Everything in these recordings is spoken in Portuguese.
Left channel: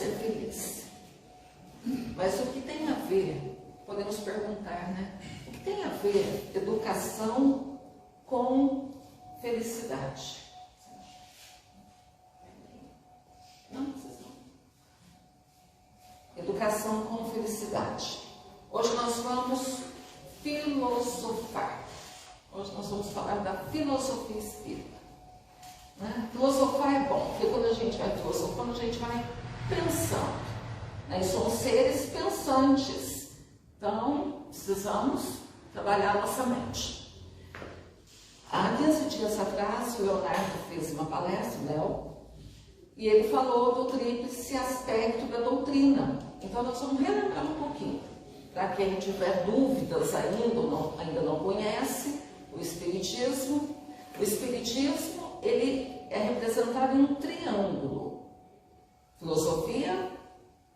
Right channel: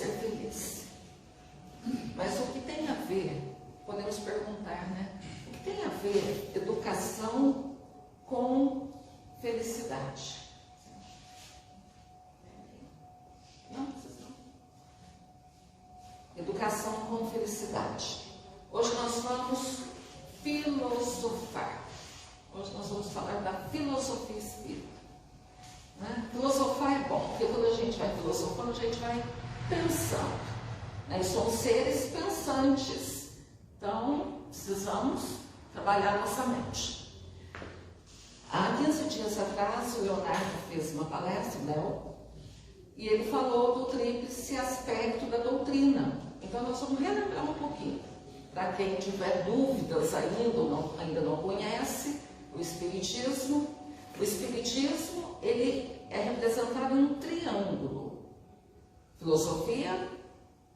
ser feliz. Mas o que tem a ver, podemos perguntar, né? O que tem a ver educação com felicidade? Não, vocês não. Educação com felicidade. Hoje nós vamos filosofar. Hoje nós vamos falar da filosofia espírita. Né? Filosofar é bom, porque quando a gente vai filosofando, a gente vai pensando. Né? E somos seres pensantes. Então, precisamos trabalhar nossa mente. Há 15 dias atrás, o Leonardo fez uma palestra, Léo, e ele falou do tríplice aspecto da doutrina. Então, nós vamos relembrar um pouquinho. Para quem tiver dúvidas ainda não conhece o Espiritismo. O Espiritismo, ele é representado em um triângulo. Filosofia,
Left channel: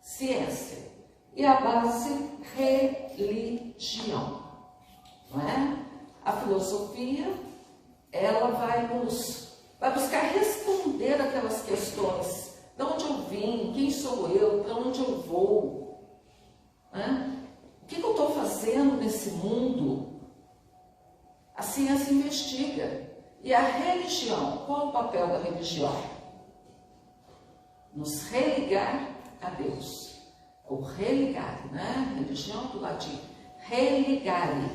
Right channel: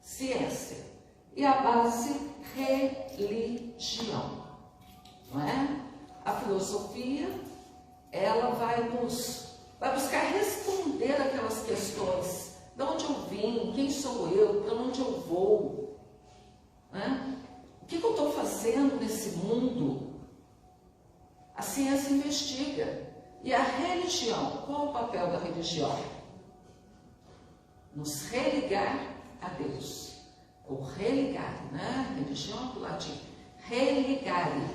ciência e a base, religião. Não é? A filosofia, ela vai buscar responder aquelas questões. De onde eu vim? Quem sou eu? Para onde eu vou? Né? O que eu estou fazendo nesse mundo? A ciência investiga. E a religião, qual o papel da religião? Nos religar a Deus. Ou religar, né? Religião do latim. Religare.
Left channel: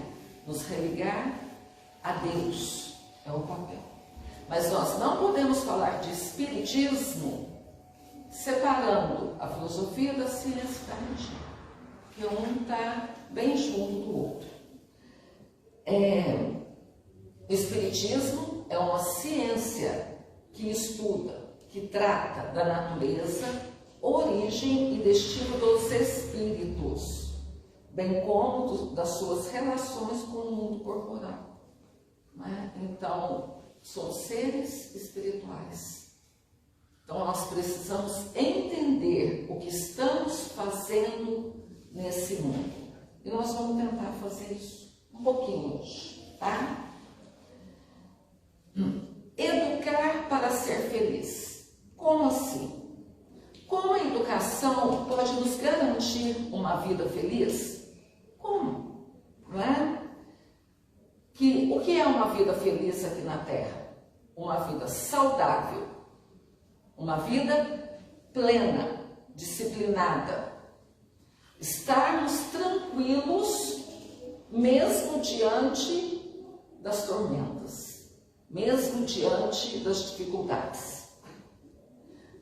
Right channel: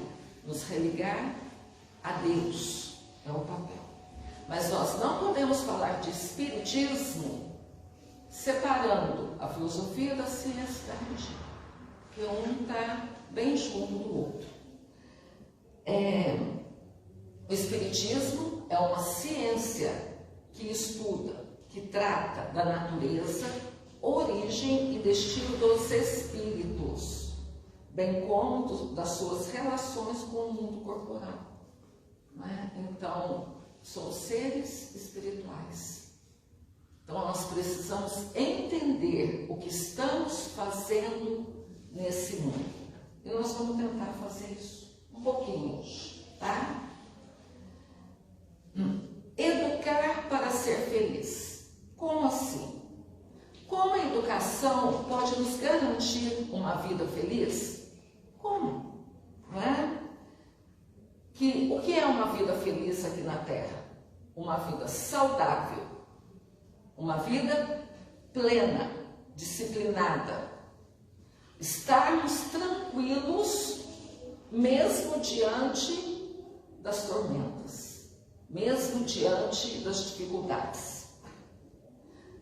Nos religar a Deus. É o papel. Mas nós não podemos falar de espiritismo separando a filosofia da ciência e da religião. Porque um está bem junto do outro. O espiritismo é uma ciência que estuda, que trata da natureza, origem e destino dos espíritos, bem como das suas relações com o mundo corporal. Não é? Então, somos seres espirituais. Então, nós precisamos entender o que estamos fazendo nesse mundo. E nós vamos tentar fazer isso um pouquinho hoje, tá? Educar para ser feliz. Como assim? Como a educação pode nos garantir uma vida feliz? Como? Não é? O que é uma vida feliz aqui na Terra? Uma vida saudável, uma vida plena, disciplinada. Estarmos tranquilos mesmo diante das tormentas, mesmo diante das dificuldades.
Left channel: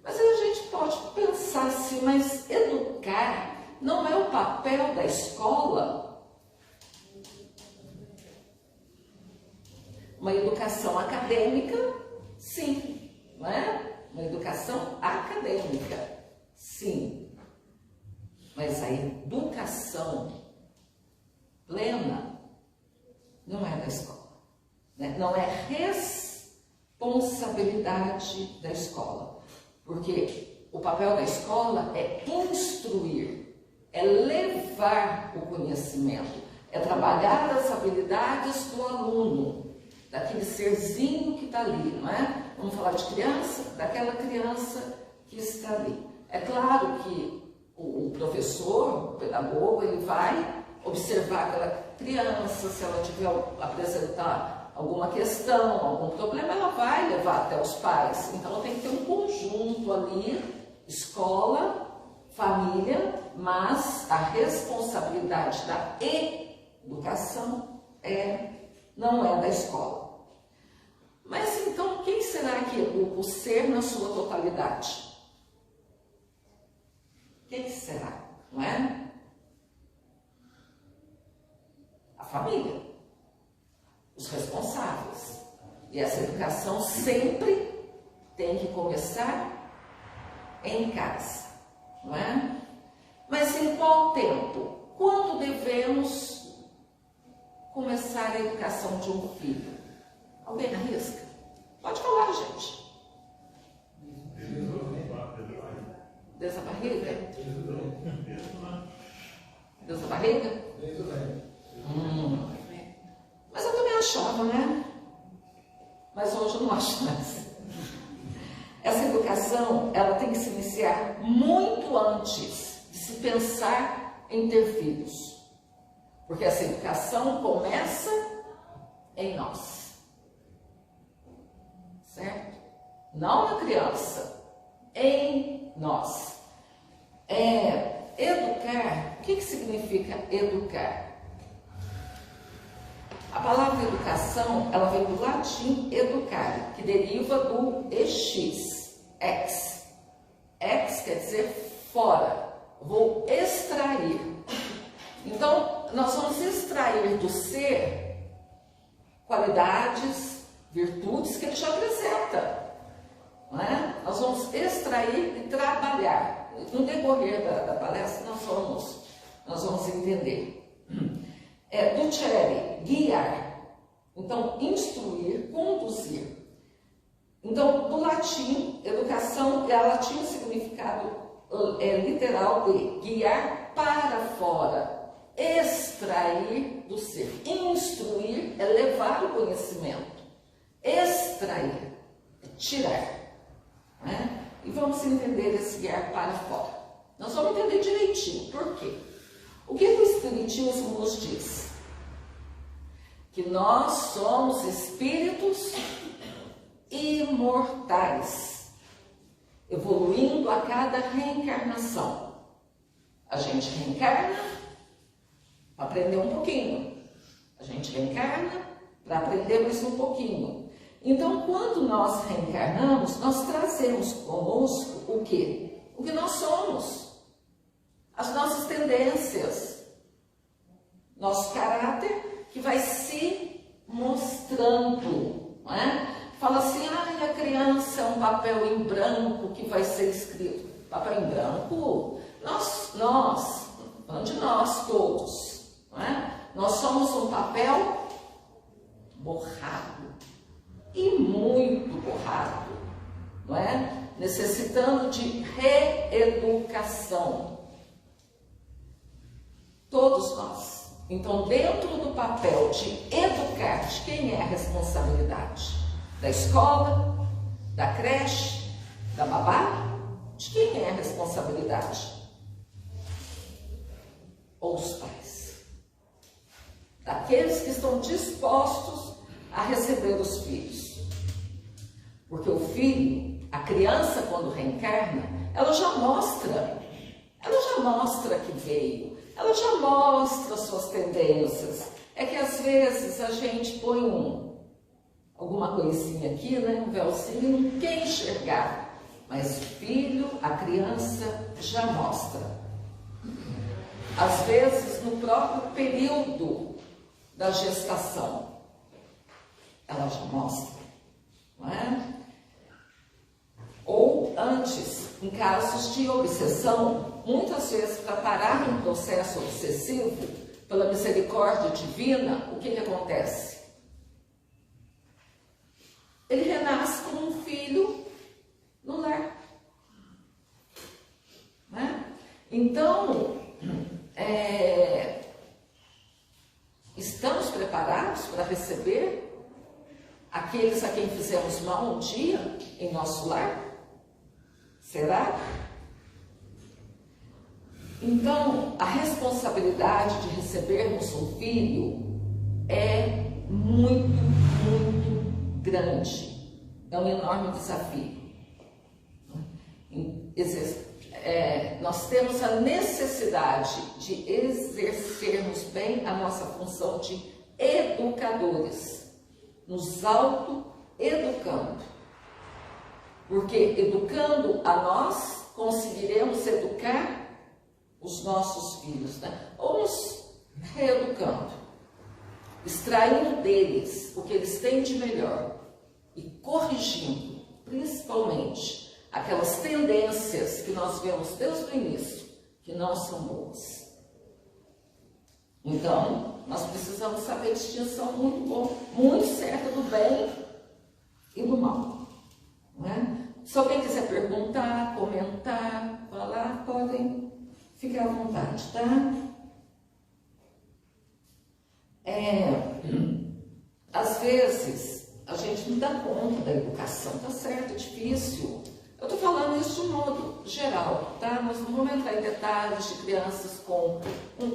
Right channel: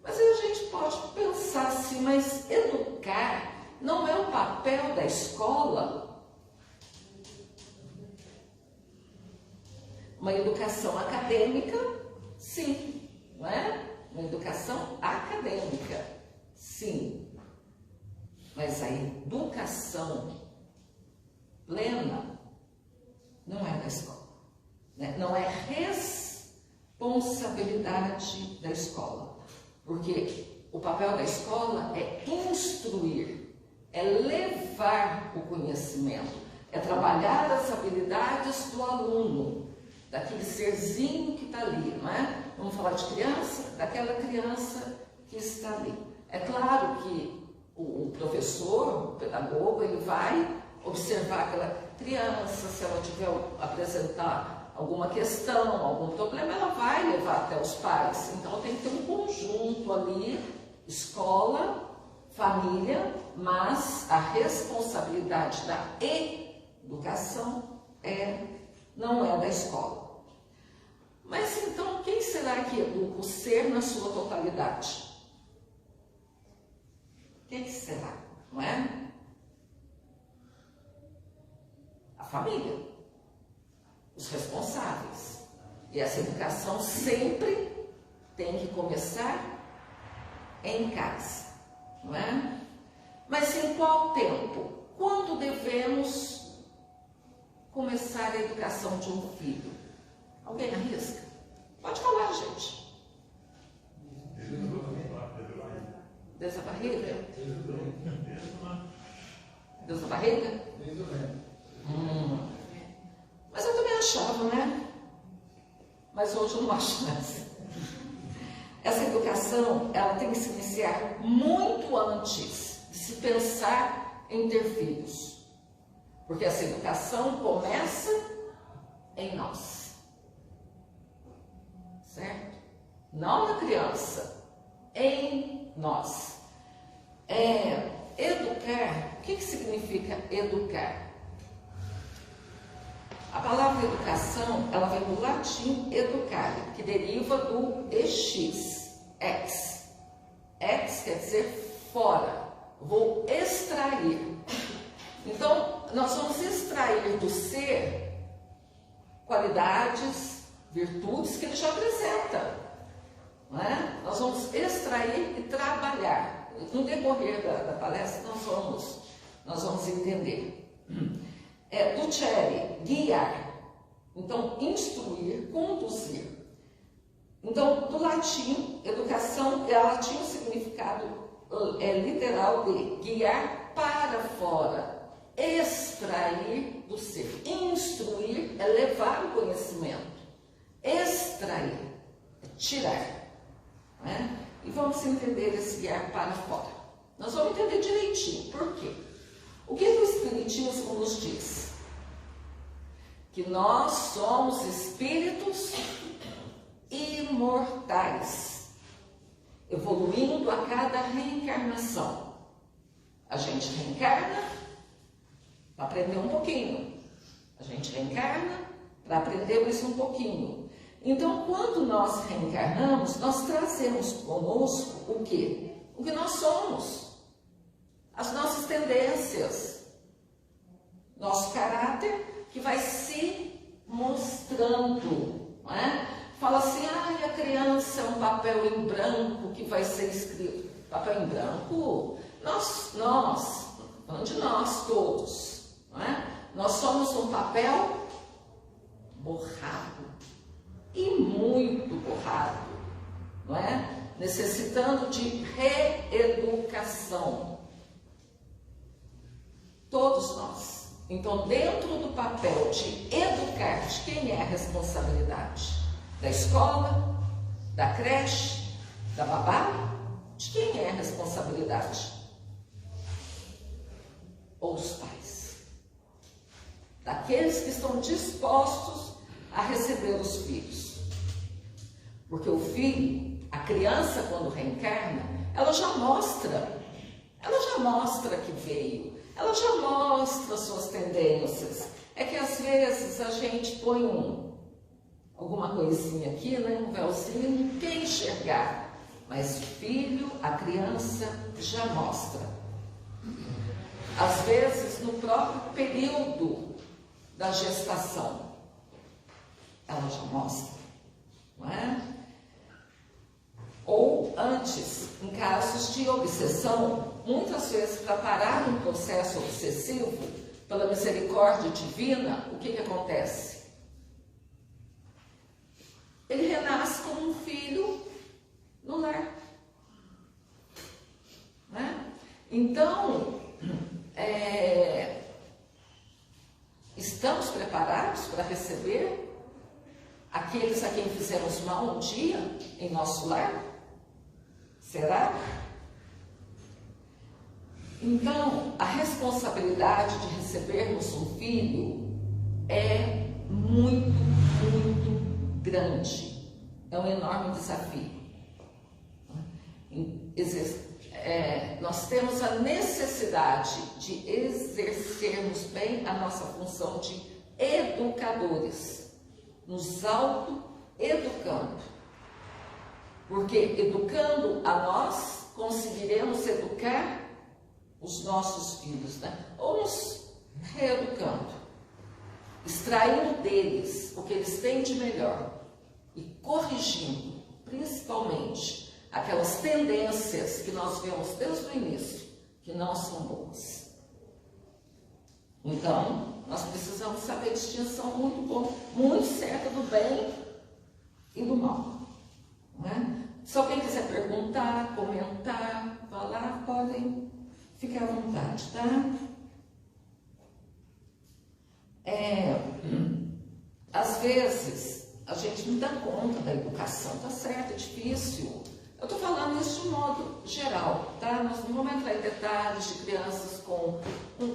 Mas aí a gente pode pensar assim, mas educar não é o papel da escola? Uma educação acadêmica, sim, não é? Uma educação acadêmica, sim. Mas a educação plena não é da escola, né? Não é responsabilidade da escola, porque o papel da escola é instruir, é levar o conhecimento, é trabalhar as habilidades do aluno, daquele serzinho que está ali, não é? Vamos falar de criança, daquela criança que está ali. É claro que o professor, o pedagogo, ele vai observar aquela criança, se ela tiver apresentar alguma questão, algum problema, ela vai levar até os pais. Então tem que ter um conjunto ali, escola, família, mas a responsabilidade da educação não é da escola. Mas então quem será que educa o ser na sua totalidade? Quem será, não é? A família, os responsáveis. E essa educação sempre tem que começar em casa, não é? Mas em qual tempo? Quando devemos começar a educação de um filho? Alguém arrisca? Pode falar, gente. Desde a barriga? Desde a barriga? Mas eu também achava, né? Mas hoje eu não acho mais. essa educação, ela tem que se iniciar muito antes de se pensar em ter filhos. Porque essa educação começa em nós. Certo? Não na criança, em nós. Educar, o que significa educar? A palavra educação, ela vem do latim educare, que deriva do ex, ex. Ex quer dizer fora, vou extrair. Então, nós vamos extrair do ser qualidades, virtudes que ele já apresenta. Não é? Nós vamos extrair e trabalhar. No decorrer da palestra, nós vamos entender. Ducere, guiar. Então, instruir, conduzir. Então, do latim, educação, ela tinha um significado literal de guiar para fora, extrair do ser. Instruir é levar o conhecimento. Extrair é tirar. Né? E vamos entender esse guiar para fora. Nós vamos entender direitinho. Por quê? O que o Espiritismo nos diz? Que nós somos espíritos imortais, evoluindo a cada reencarnação. A gente reencarna para aprender um pouquinho. A gente reencarna para aprender mais um pouquinho. Então, quando nós reencarnamos, nós trazemos conosco o quê? O que nós somos. As nossas tendências, nosso caráter que vai se mostrando, não é? Fala assim, a criança é um papel em branco que vai ser escrito. Papel em branco, falando de nós todos, não é? Nós somos um papel borrado, e muito borrado, não é? Necessitando de reeducação. Todos nós. Então, dentro do papel de educar, de quem é a responsabilidade? Da escola, da creche, da babá? De quem é a responsabilidade? Ou os pais? Daqueles que estão dispostos a receber os filhos. Porque o filho, a criança, quando reencarna, ela já mostra que veio. Ela já mostra suas tendências. É que às vezes a gente põe alguma coisinha aqui, né? Um véuzinho, não quer enxergar. Mas o filho, a criança, já mostra. Às vezes, no próprio período da gestação, ela já mostra, não é? Ou antes, em casos de obsessão, muitas vezes para parar um processo obsessivo, pela misericórdia divina, o que acontece? Ele renasce como um filho no lar. Né? Então, estamos preparados para receber aqueles a quem fizemos mal um dia em nosso lar? Será? Então, a responsabilidade de recebermos um filho é muito, muito grande. É um enorme desafio. Nós temos a necessidade de exercermos bem a nossa função de educadores, nos auto-educando. Porque educando a nós, conseguiremos educar os nossos filhos, né? Ou nos reeducando, extraindo deles o que eles têm de melhor e corrigindo, principalmente, aquelas tendências que nós vemos desde o início, que não são boas. Então, nós precisamos saber a distinção muito certa do bem e do mal. Não é? Se alguém quiser perguntar, comentar, falar, podem ficar à vontade, tá? Às vezes, a gente não dá conta da educação, tá certo, é difícil. Eu estou falando isso de modo geral, tá? Nós não vamos entrar em detalhes de crianças com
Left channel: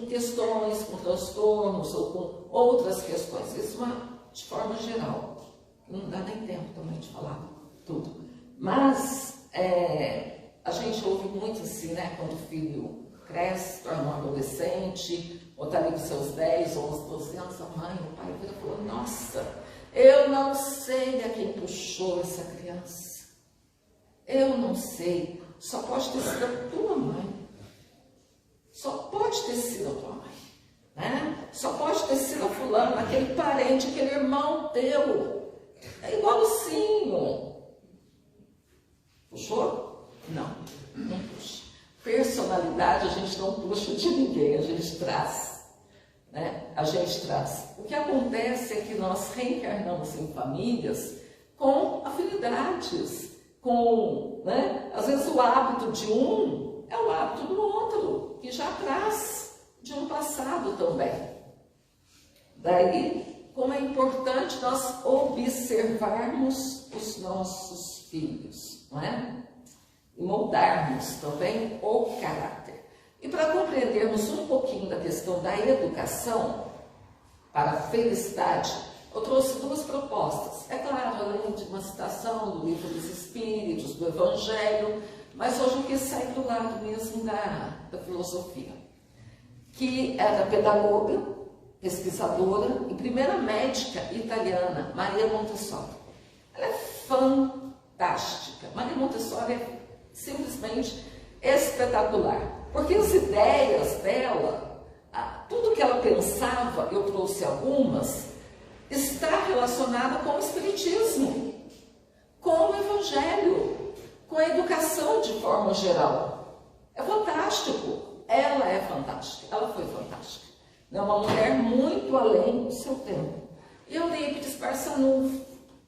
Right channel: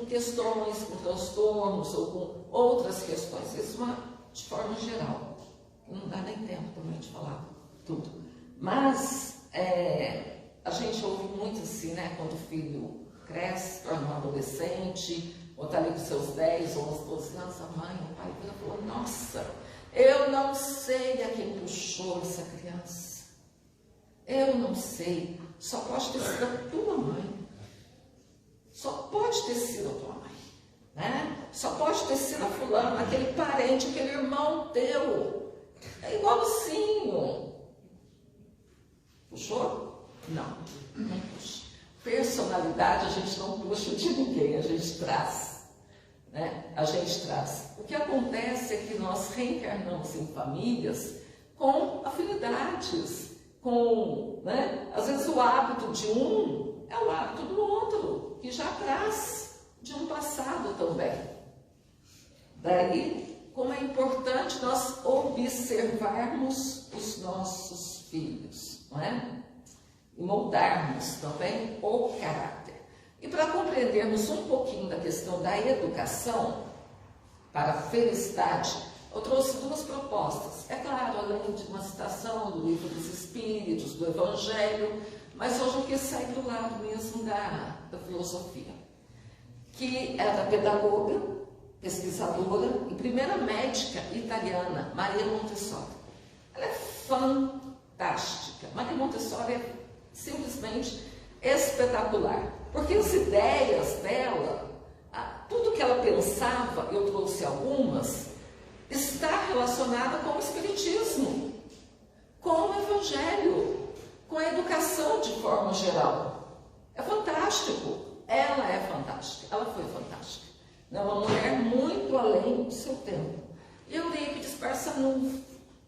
questões, com transtornos ou com outras questões. Isso de forma geral. Não dá nem tempo também de falar tudo. Mas a gente ouve muito assim, né? Quando o filho cresce, torna um adolescente, ou está ali com seus 10, 11, 12 anos, a mãe, o pai vira e fala, nossa, eu não sei a quem puxou essa criança. Eu não sei, só pode ter sido a tua mãe. Só pode ter sido a tua mãe, né? Só pode ter sido a fulana, aquele parente, aquele irmão teu. É igualzinho. Puxou? Não, não puxa. Personalidade a gente não puxa de ninguém, a gente traz, né? A gente traz. O que acontece é que nós reencarnamos em famílias com afinidades, com, né? Às vezes o hábito de um é o hábito do outro, que já traz de um passado também. Daí, como é importante nós observarmos os nossos filhos, não é? E moldarmos também o caráter. E para compreendermos um pouquinho da questão da educação para a felicidade, eu trouxe duas propostas. É claro, além de uma citação do Livro dos Espíritos, do Evangelho, mas hoje eu quis sair do lado mesmo da filosofia, que é da pedagoga, pesquisadora e primeira médica italiana, Maria Montessori. Ela é fantástica. Maria Montessori é simplesmente espetacular, porque as ideias dela, tudo que ela pensava, eu trouxe algumas, está relacionada com o espiritismo, com o evangelho, com a educação de forma geral. É fantástico, ela é fantástica, ela foi fantástica. É uma mulher muito além do seu tempo. Eurípides Barçanufo,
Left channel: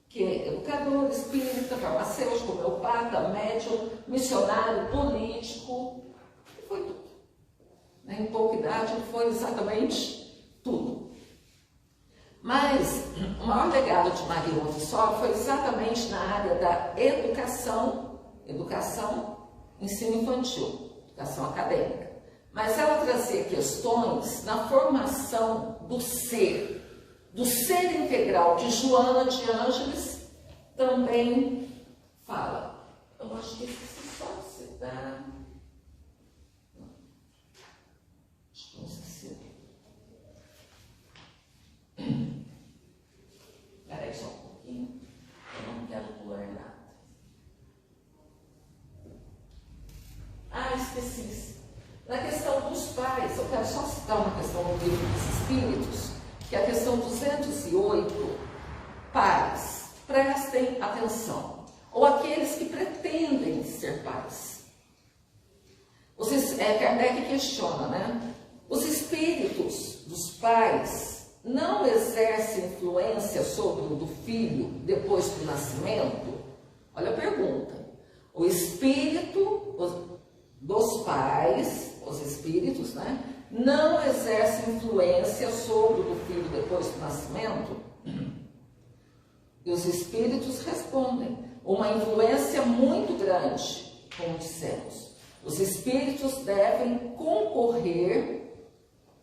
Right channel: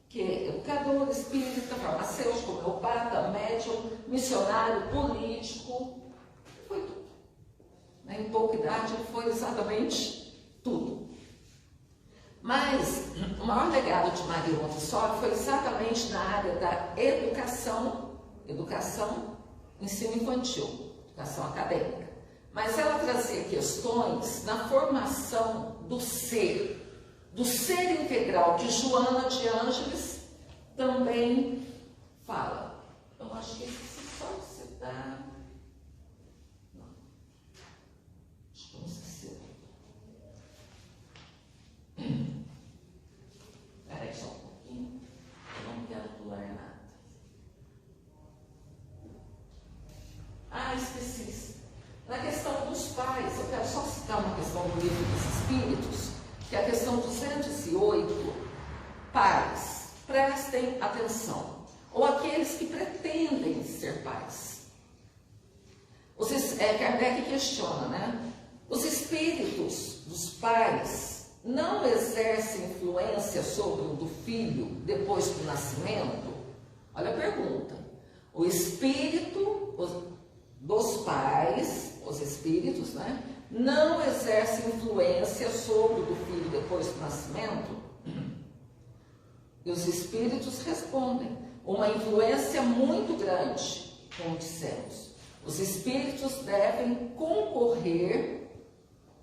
que é educador, espírita, farmacêutico, homeopata, médium, missionário, político, foi tudo. Em pouca idade ele foi exatamente tudo. Mas o maior legado de Maria Montessori foi exatamente na área da educação, ensino infantil, educação acadêmica. Mas ela trazia questões na formação do ser integral, que Joana de Ângeles também fala. Eu acho que esse só se dá... Não. Acho que não se dá. Espera aí só um pouquinho. Eu não quero pular nada. Esqueci. Na questão dos pais, eu quero só citar uma questão do Livro dos Espíritos, que é a questão 208, pais, prestem atenção, ou aqueles que pretendem ser pais. Kardec questiona, né? Os espíritos dos pais não exercem influência sobre o do filho depois do nascimento? Olha a pergunta. O espírito dos pais, os espíritos, né? Não exerce influência sobre o do filho depois do nascimento? E os espíritos respondem, uma influência muito grande, como dissemos. Os espíritos devem concorrer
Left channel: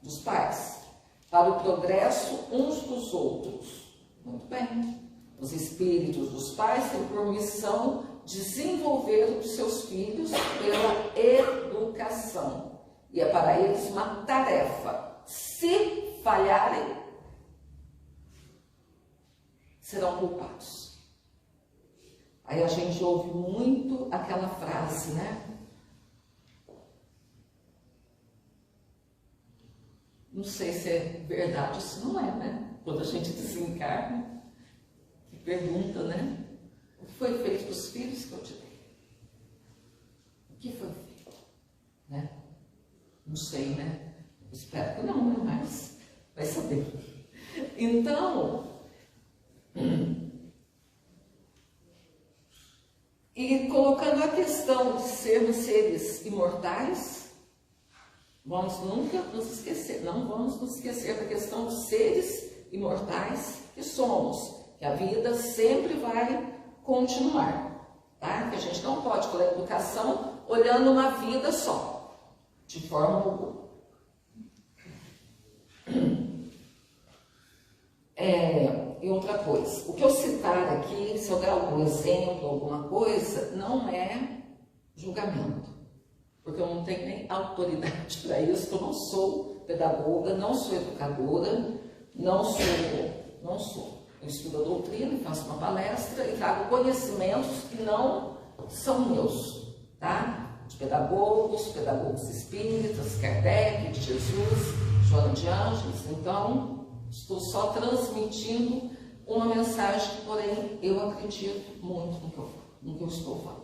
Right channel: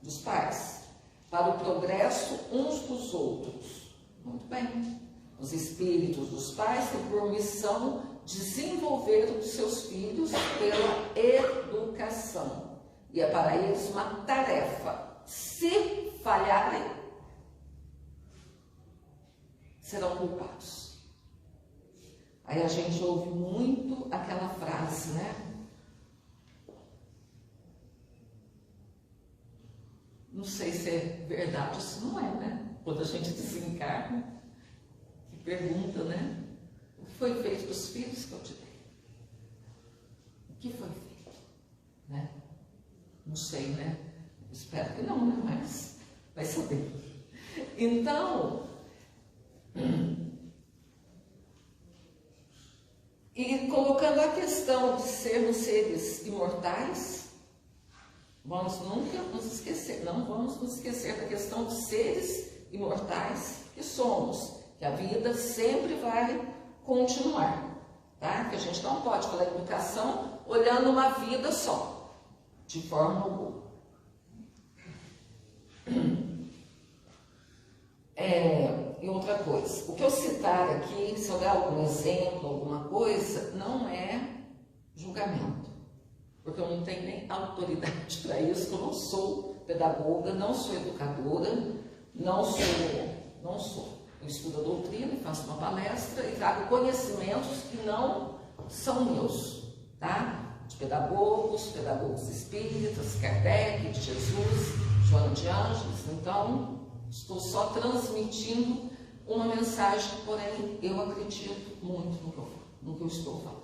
dos pais para o progresso uns dos outros. Muito bem. Os espíritos dos pais têm por missão desenvolver os seus filhos pela educação. E é para eles uma tarefa. Se falharem, serão culpados. Aí a gente ouve muito aquela frase, né? Não sei se é verdade, isso não é, né? Quando a gente desencarna, que pergunta, né? O que foi feito com os filhos que eu te dei? O que foi feito? Né? Não sei, né? Espero que não, né? Mas vai saber. Então, e colocando a questão de sermos seres imortais, vamos nunca nos esquecer, não vamos nos esquecer da questão dos seres imortais que somos, que a vida sempre vai continuar. tá? Que a gente não pode falar educação olhando uma vida só, de forma alguma. E outra coisa, o que eu citar aqui, se eu der algum exemplo, alguma coisa, não é julgamento, porque eu não tenho nem autoridade para isso, que eu não sou pedagoga, não sou educadora, não sou. Eu estudo a doutrina e faço uma palestra e trago conhecimentos que não são meus, tá? De pedagogos espíritas, Kardec, de Jesus, Joana de Ângeles. Então, estou só transmitindo uma mensagem, porém, eu acredito muito no que eu estou falando.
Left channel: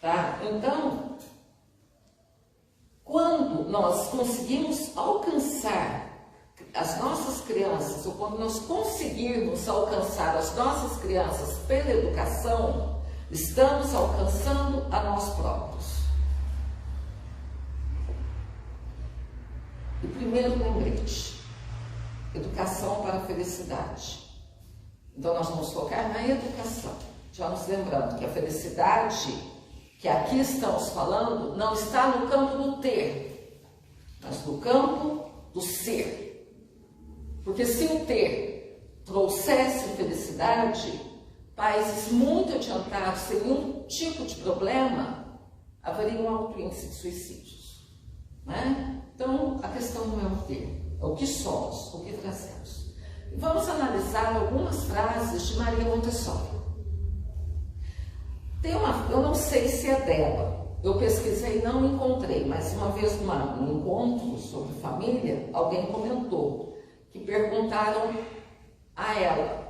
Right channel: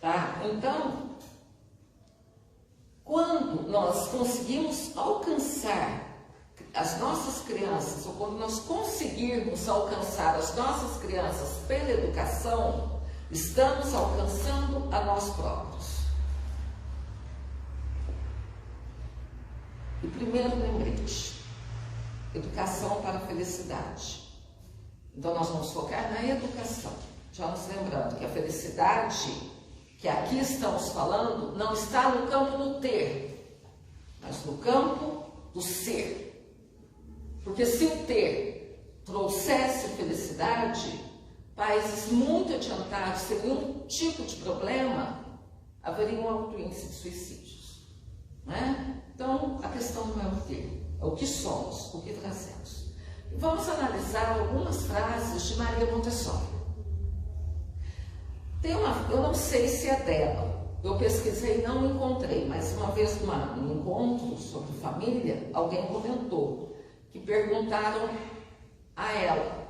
Tá? Então, quando nós conseguimos alcançar as nossas crianças, ou quando nós conseguirmos alcançar as nossas crianças pela educação, estamos alcançando a nós próprios. E primeiro lembrete, educação para a felicidade. Então nós vamos focar na educação, já nos lembrando que a felicidade que aqui estamos falando não está no campo do ter, mas no campo do ser. Porque se o ter trouxesse felicidade, países muito adiantados, sem nenhum tipo de problema, haveria um alto índice de suicídios. Né? Então, a questão não é o ter, é o que somos, o que trazemos. E vamos analisar algumas frases de Maria Montessori. Eu não sei se é dela, eu pesquisei e não encontrei, mas uma vez num encontro sobre família, alguém comentou que perguntaram a ela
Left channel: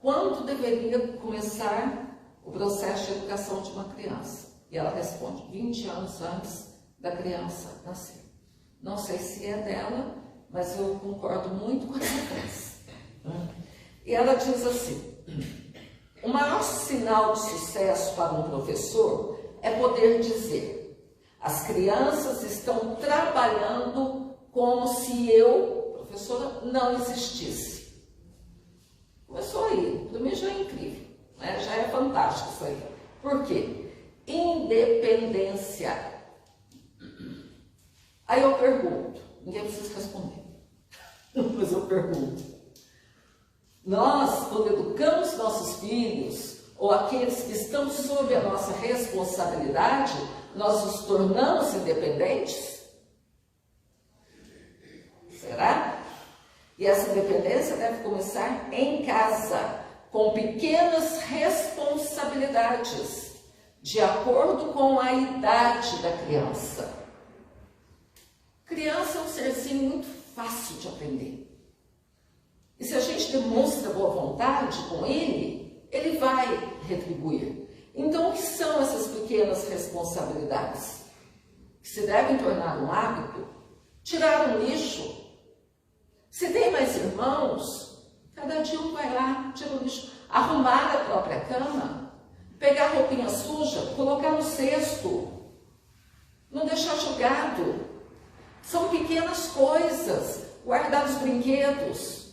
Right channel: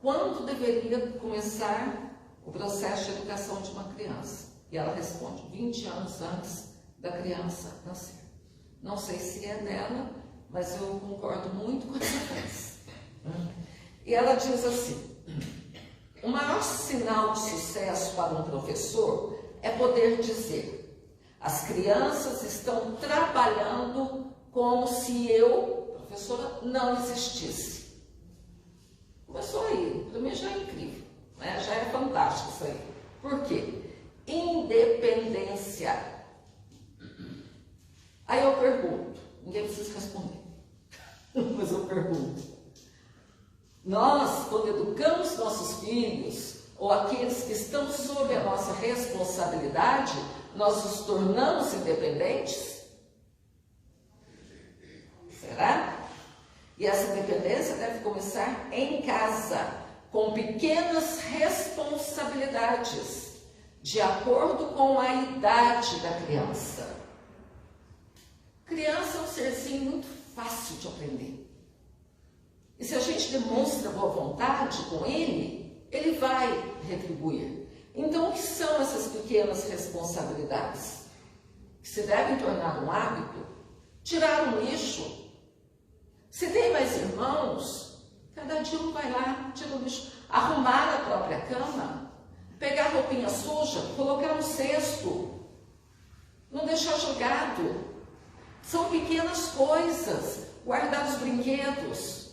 quando deveria começar o processo de educação de uma criança. E ela responde, 20 anos antes da criança nascer. Não sei se é dela, mas eu concordo muito com essa frase. E ela diz assim, o maior sinal de sucesso para um professor é poder dizer, as crianças estão trabalhando como se eu, professora, não existisse. Começou aí, para mim já é incrível, né? Já é fantástico isso aí. Por quê? Independência. Aí eu pergunto, ninguém precisa responder, mas eu pergunto. Nós, quando educamos nossos filhos, ou aqueles que estão sob a nossa responsabilidade, nós nos tornamos independentes? Será? E essa independência deve começar em casa, com pequenas responsabilidades, de acordo com a idade da criança. Criança é um serzinho muito fácil de aprender. E se a gente demonstra boa vontade com ele, ele vai retribuir. Então, o que são essas pequenas responsabilidades? Que se devem tornar um hábito? Tirar um lixo. Se tem mais irmãos, cada dia um vai lá, tira o lixo. Arrumar a própria cama, pegar roupinha suja, colocar no cesto, não deixar jogado. São pequenas coisas, guardar os brinquedos.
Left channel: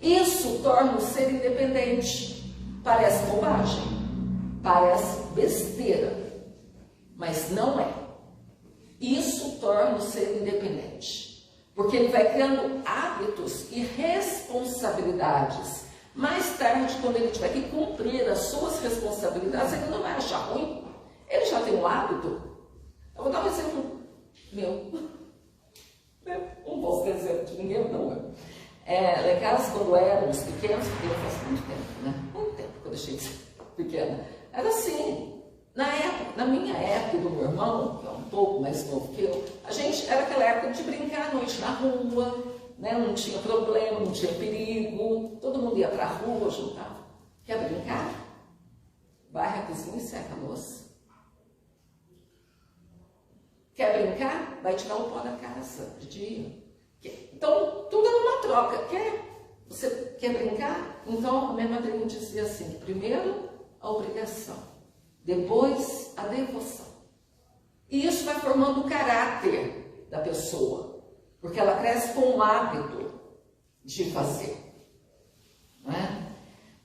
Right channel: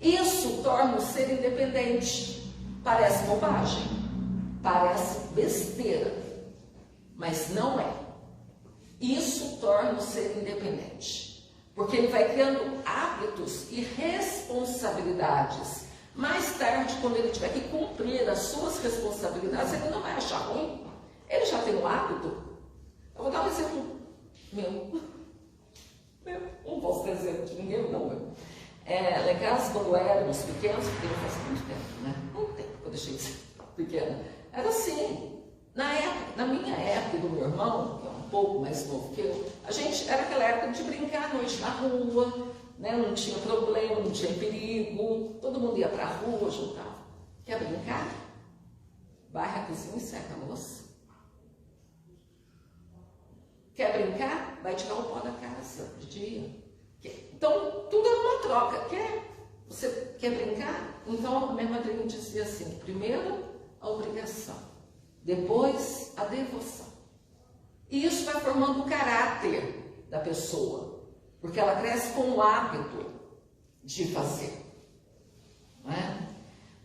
Isso torna o ser independente. Parece bobagem, parece besteira, mas não é. Isso torna o ser independente, porque ele vai criando hábitos e responsabilidades. Mais tarde, quando ele tiver que cumprir as suas responsabilidades, ele não vai achar ruim. Ele já tem um hábito. Eu vou dar um exemplo meu. Não posso ter exemplo de ninguém, não eu. Lá em casa, quando éramos pequenos, porque faz muito tempo, né? Muito tempo que eu deixei de ser pequena. Era assim, na minha época e do meu irmão, que é um pouco mais novo que eu, a gente era aquela época de brincar à noite na rua, né? Não tinha problema, não tinha perigo, todo mundo ia pra rua, juntava. Quer brincar? Varre a cozinha e seca a louça. Quer brincar? Vai tirar o pó da casa de dia. Então, tudo era uma troca. Você quer brincar? Então, a minha madrinha dizia assim, que primeiro a obrigação, depois a devoção. E isso vai formando o caráter da pessoa, porque ela cresce com o hábito de fazer. Não é?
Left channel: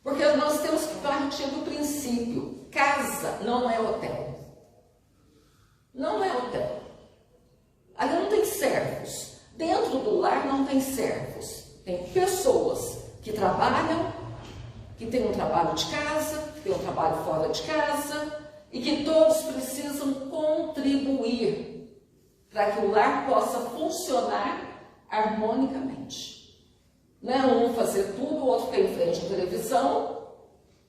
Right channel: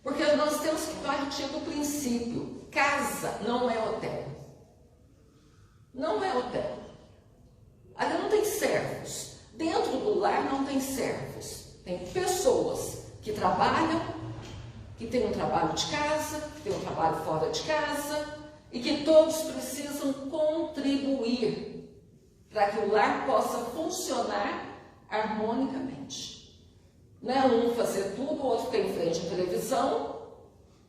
Porque nós temos que partir do princípio: casa não é hotel. Não é hotel. Ali não tem servos. Dentro do lar não tem servos. Tem pessoas que trabalham, que têm um trabalho de casa, que têm um trabalho fora de casa, e que todos precisam contribuir para que o lar possa funcionar harmonicamente. Não é um fazer tudo, o outro fica em frente à televisão,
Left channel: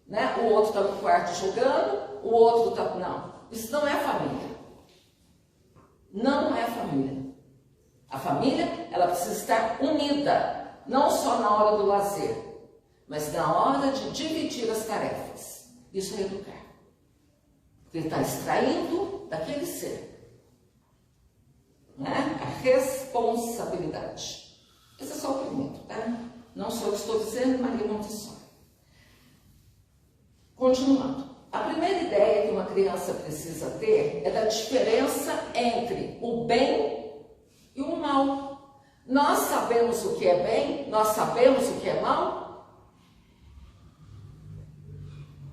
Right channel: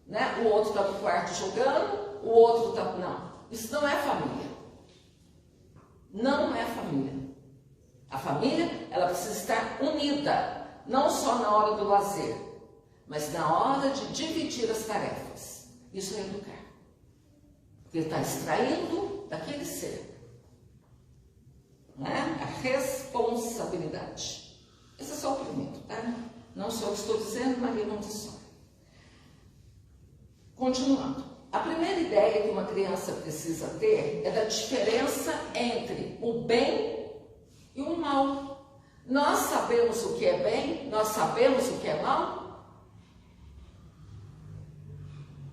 né? O outro está no quarto jogando, o outro está... Não, isso não é família. Não é família. A família, ela precisa estar unida, não só na hora do lazer, mas na hora de dividir as tarefas. Isso é educar. Porque ele está extraindo daquele ser, né? A responsabilidade. Esse é só o primeiro, tá? Não sou eu que estou dizendo, Maria Montessori. Continuando. A primeira ideia que uma criança precisa ter é da diferença entre o bem e o mal. Nós sabemos o que é bem, nós sabemos o que é mal.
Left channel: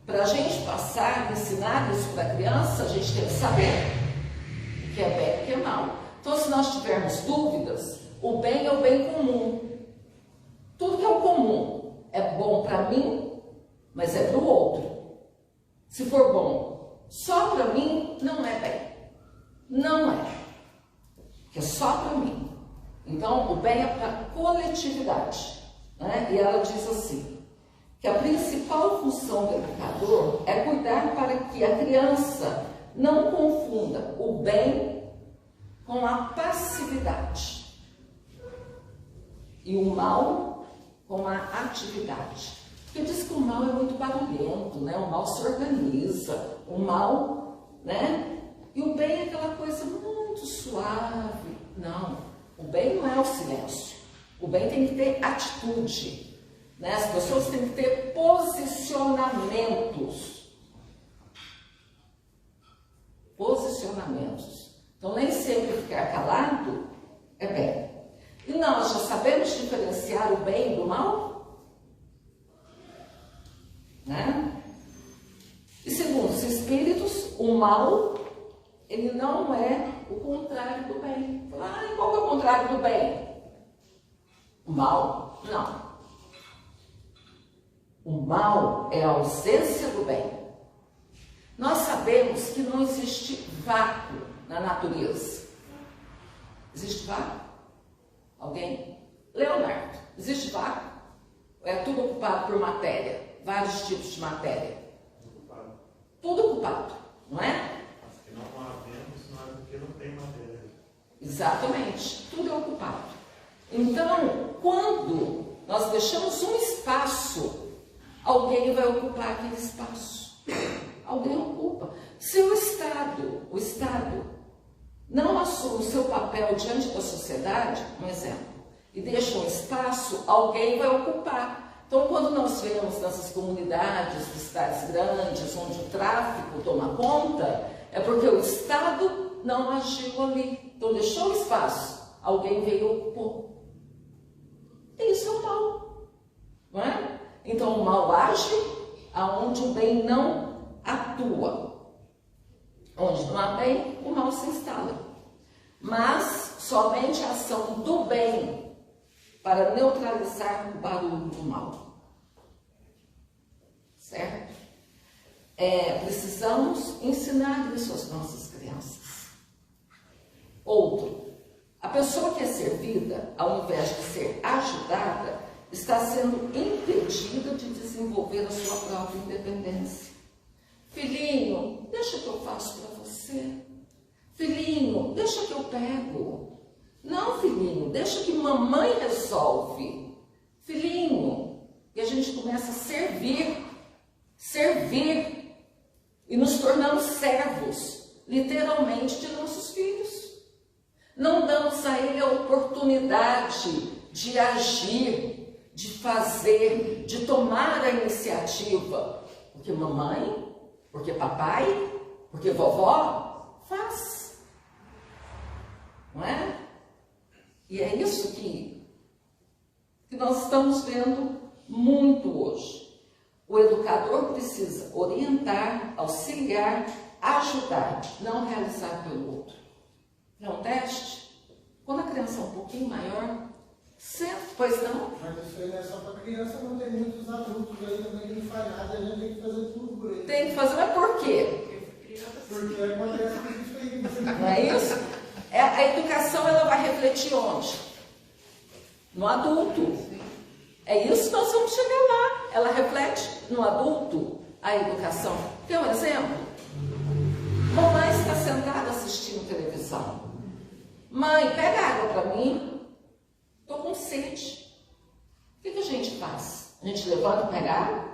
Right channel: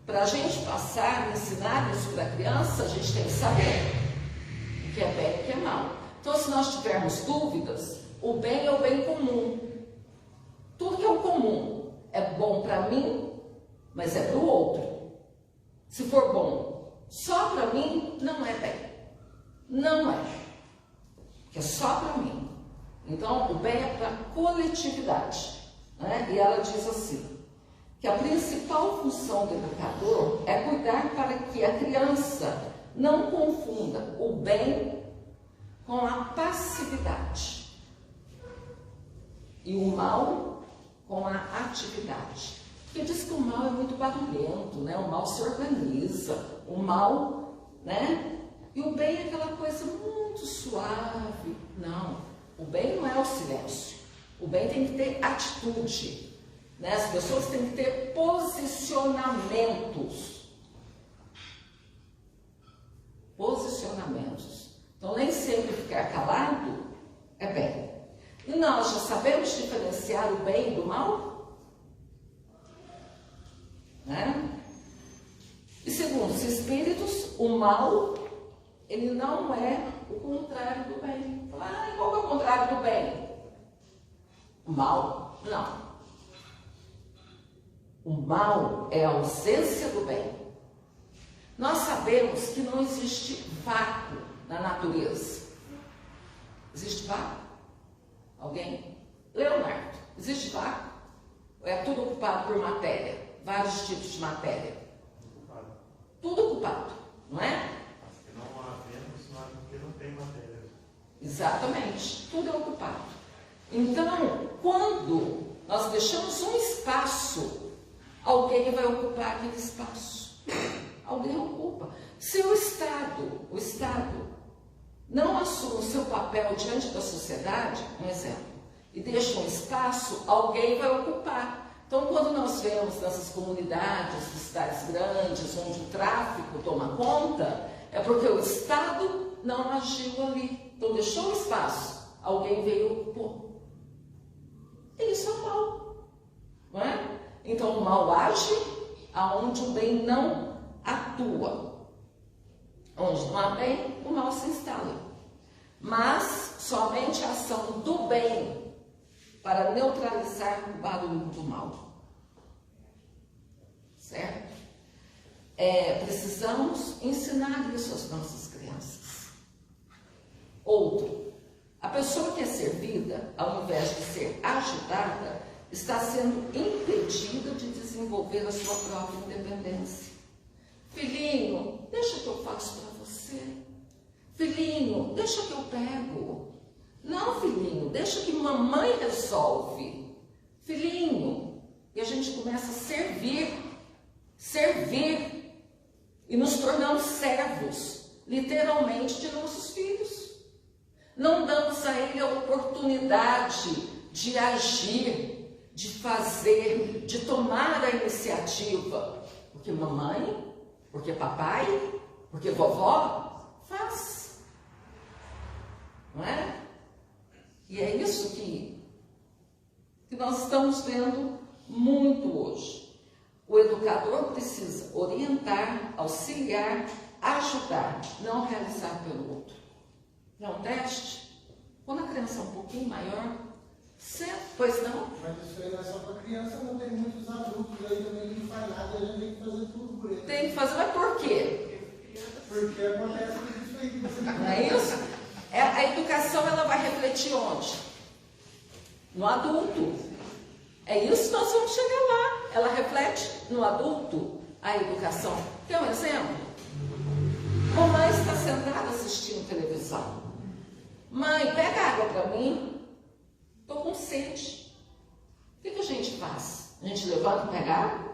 Para a gente passar, ensinar isso para a criança, a gente tem que saber o que é bem e o que é mal. Então, se nós tivermos dúvidas, o bem é o bem comum. Tudo que é o comum é bom para mim, mas é para o outro. Se for bom só para mim, não é bem. Não é. Porque é só para mim. Então, o bem é para a coletividade, né? E ela diz assim, que a principal função do educador é cuidar para que a criança não confunda o bem com a passividade e o mal com a atividade. Porque diz que o mal é muito barulhento, né? O mal se organiza, o mal, né? E o bem é aquela coisa muito suave. Não, o bem não é o silêncio. O bem tem que ter atitude, né? As pessoas têm que ter posicionamentos. Posicionamentos. Então, nem sempre ficar calado é bem. E nós já sabemos diferenciar o bem do mal? Né? E segundo os espíritos, o mal, ele não é o contrário do bem. Ah, e qual é o contrário do bem? O mal? Não. O mal é a ausência do bem. Nós sabemos que não existe vácuo na natureza. Existe vácuo? Alguém? Leonardo, existe vácuo? Ou é tudo ocupado por matéria? Vários tipos de matéria. Tudo ocupado, não é? Se não havemos, não é porque não tem matéria. Exatamente, tudo é ocupado. Então, quando nós deixamos um espaço, alguém vai ocupar aquele espaço. Alguém ocupa. Se o Estado não assume o seu papel diante da sociedade, um exemplo, e deixa um espaço, alguém vai ocupar. Então, quando nós vemos nessas comunidades de cidades grandes, onde o tráfico toma conta, é porque o Estado não agiu ali. Então, deixou o espaço, alguém veio e ocupou. E isso é o mal, não é? Então, o mal age aonde o bem não atua. Onde não há bem, o mal se instala. Mas somente a ação do bem para neutralizar o barulho do mal. Certo? Precisamos ensinar isso às nossas crianças. Outro, a pessoa que é servida, ao invés de ser ajudada, está sendo impedida de desenvolver a sua própria independência. Filhinho, deixa que eu faço para você. Filhinho, deixa que eu pego. Não, filhinho, deixa que mamãe resolve. Filhinho, e a gente começa a servir, e nos tornamos servos, literalmente, de nossos filhos. Não damos a ele a oportunidade de agir, de fazer, de tomar a iniciativa. Porque mamãe, porque papai, porque vovó faz. Não é? E é isso que nós estamos vendo muito hoje. O educador precisa orientar, auxiliar, ajudar, não realizar pelo outro. É um teste? Quando a criança é um pouquinho maior, pois não? Mas isso aí é só para criança, não tem muitos adultos aí também que não faz nada, a gente tem que fazer tudo por ele. Tem que fazer, mas por quê? Porque acontece isso aí que você Não é isso? A educação, ela vai refletir onde? No adulto. É isso que nós vamos chegar lá. Ela reflete no adulto a educação. Tem um exemplo? Mamãe está sentada assistindo televisão. Mãe, pega água para mim. Estou com sede. O que a gente faz? A gente levanta e pega água?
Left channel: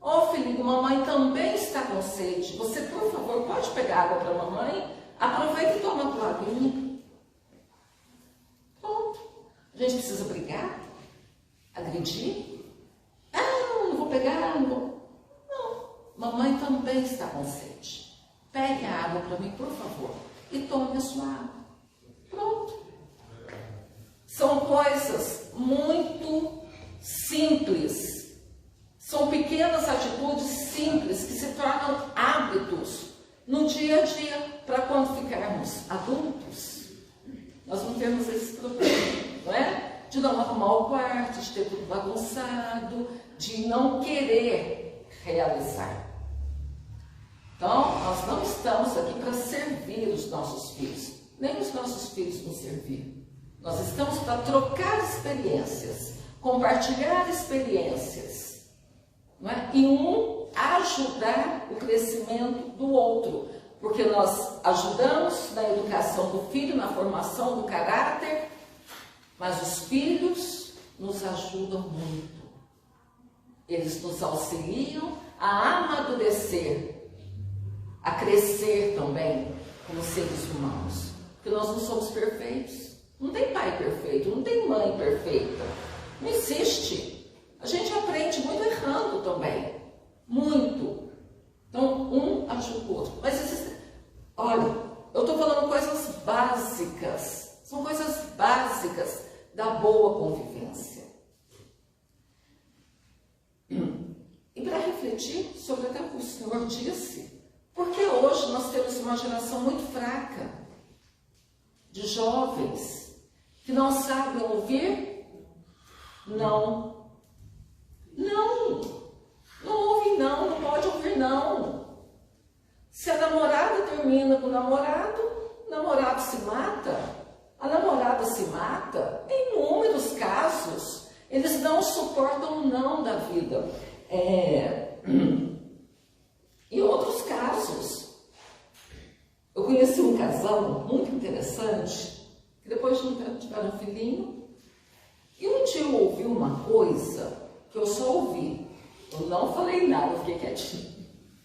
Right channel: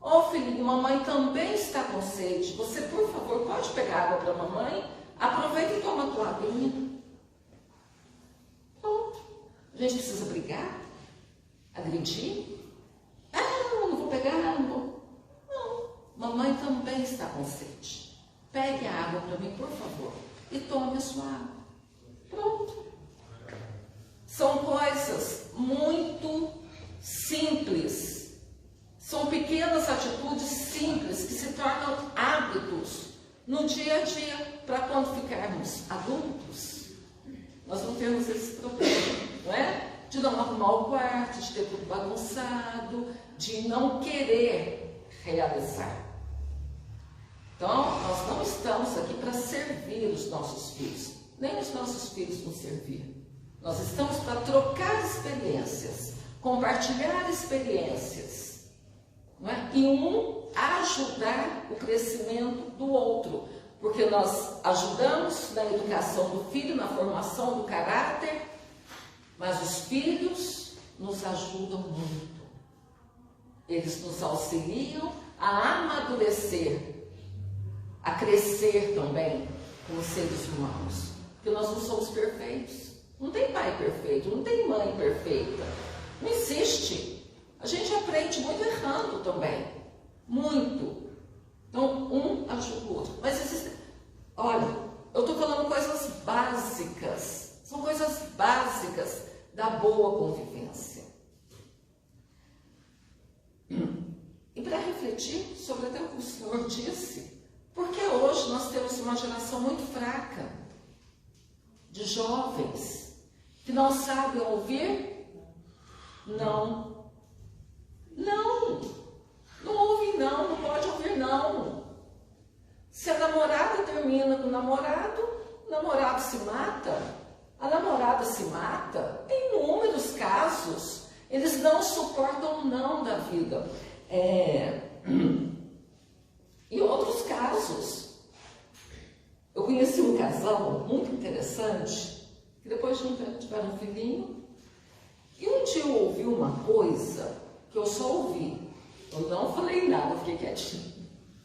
Ô filhinho, mamãe também está com sede. Você, por favor, pode pegar água para mamãe? Aproveita e toma a tua aguinha. Pronto. A gente precisa brigar? Agredir? Ah, não vou pegar, não vou. Não. Mamãe também está com sede. Pegue a água para mim, por favor. E tome a sua água. Pronto. São coisas muito simples. São pequenas atitudes simples que se tornam hábitos no dia a dia, para quando ficarmos adultos, nós não temos esse problema, não é? De não arrumar o quarto, de ter tudo bagunçado, de não querer realizar. Então, nós não estamos aqui para servir os nossos filhos, nem os nossos filhos nos servir. Nós estamos para trocar experiências, compartilhar experiências, não é? E ajudar o crescimento do outro, porque nós ajudamos na educação do filho, na formação do caráter, mas os filhos nos ajudam muito. Eles nos auxiliam a amadurecer, a crescer também como seres humanos, porque nós não somos perfeitos. Não tem pai perfeito, não tem mãe perfeita, não existe. A gente aprende muito errando também, muito. Então, um ajuda o outro. Mas existe... Olha, eu estou falando coisas básicas, são coisas básicas da boa convivência. E para refletir sobre até o que o Senhor disse, porque hoje nós temos uma geração muito fraca de jovens que não sabem ouvir não. Não ouve não, não pode ouvir não. Se a namorada termina com o namorado se mata, a namorada se mata, em inúmeros casos, eles não suportam não da vida. Em outros casos, eu conheci um casal muito interessante, que depois nunca tiveram um filhinho, e um dia eu ouvi uma coisa que eu só ouvi. Eu não falei nada, eu fiquei quietinha.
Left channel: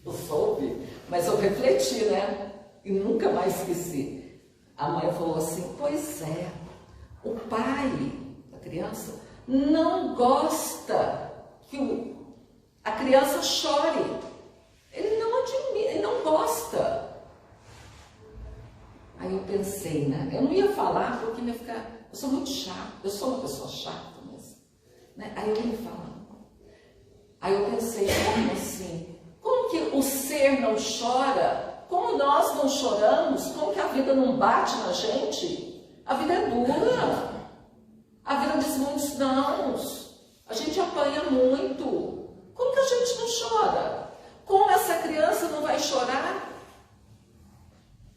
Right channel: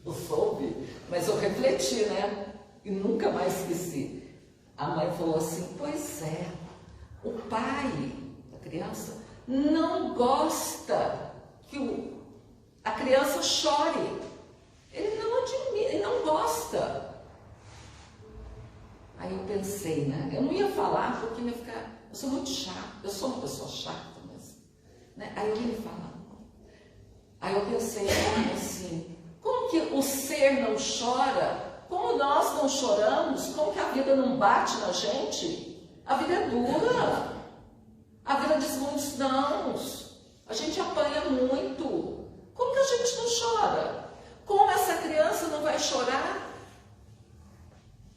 Eu só ouvi, mas eu refleti, né? E nunca mais esqueci. A mãe falou assim, pois é, o pai da criança não gosta que a criança chore. Ele não admira, ele não gosta. Aí eu pensei, né? Eu não ia falar porque ia ficar... Eu sou muito chata, eu sou uma pessoa chata mesmo. Né? Aí eu ia falar. Aí eu pensei, como assim? Como que o ser não chora? Como nós não choramos? Como que a vida não bate na gente? A vida é dura. A vida diz muitos nãos. A gente apanha muito. Como que a gente não chora? Como essa criança não vai chorar?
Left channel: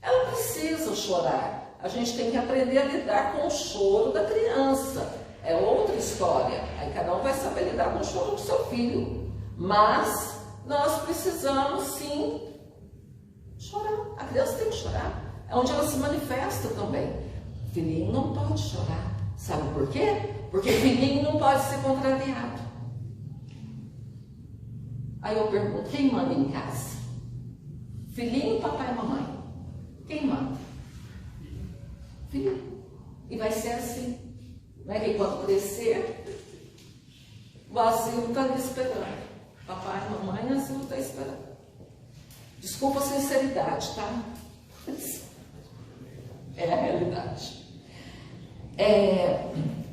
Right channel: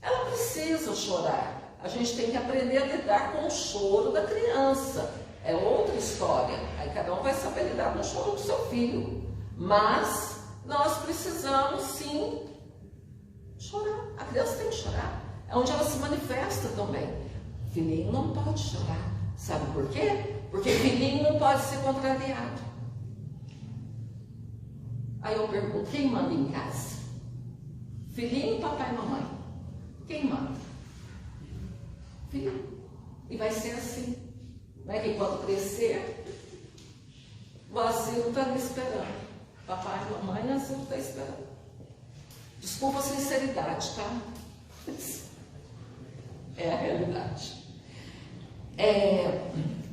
Ela precisa chorar. A gente tem que aprender a lidar com o choro da criança. É outra história. Aí cada um vai saber lidar com o choro do seu filho. Mas nós precisamos sim chorar. A criança tem que chorar. É onde ela se manifesta também. O filhinho não pode chorar. Sabe por quê? Porque o filhinho não pode ser contrariado. Aí eu pergunto, quem manda em casa? Filhinho, papai e mamãe? Quem manda? Filhinho. E vai ser assim. Não é que quando crescer, o asilo está ali esperando. Papai e mamãe, o asilo está esperando. Desculpa a sinceridade, tá? É a realidade.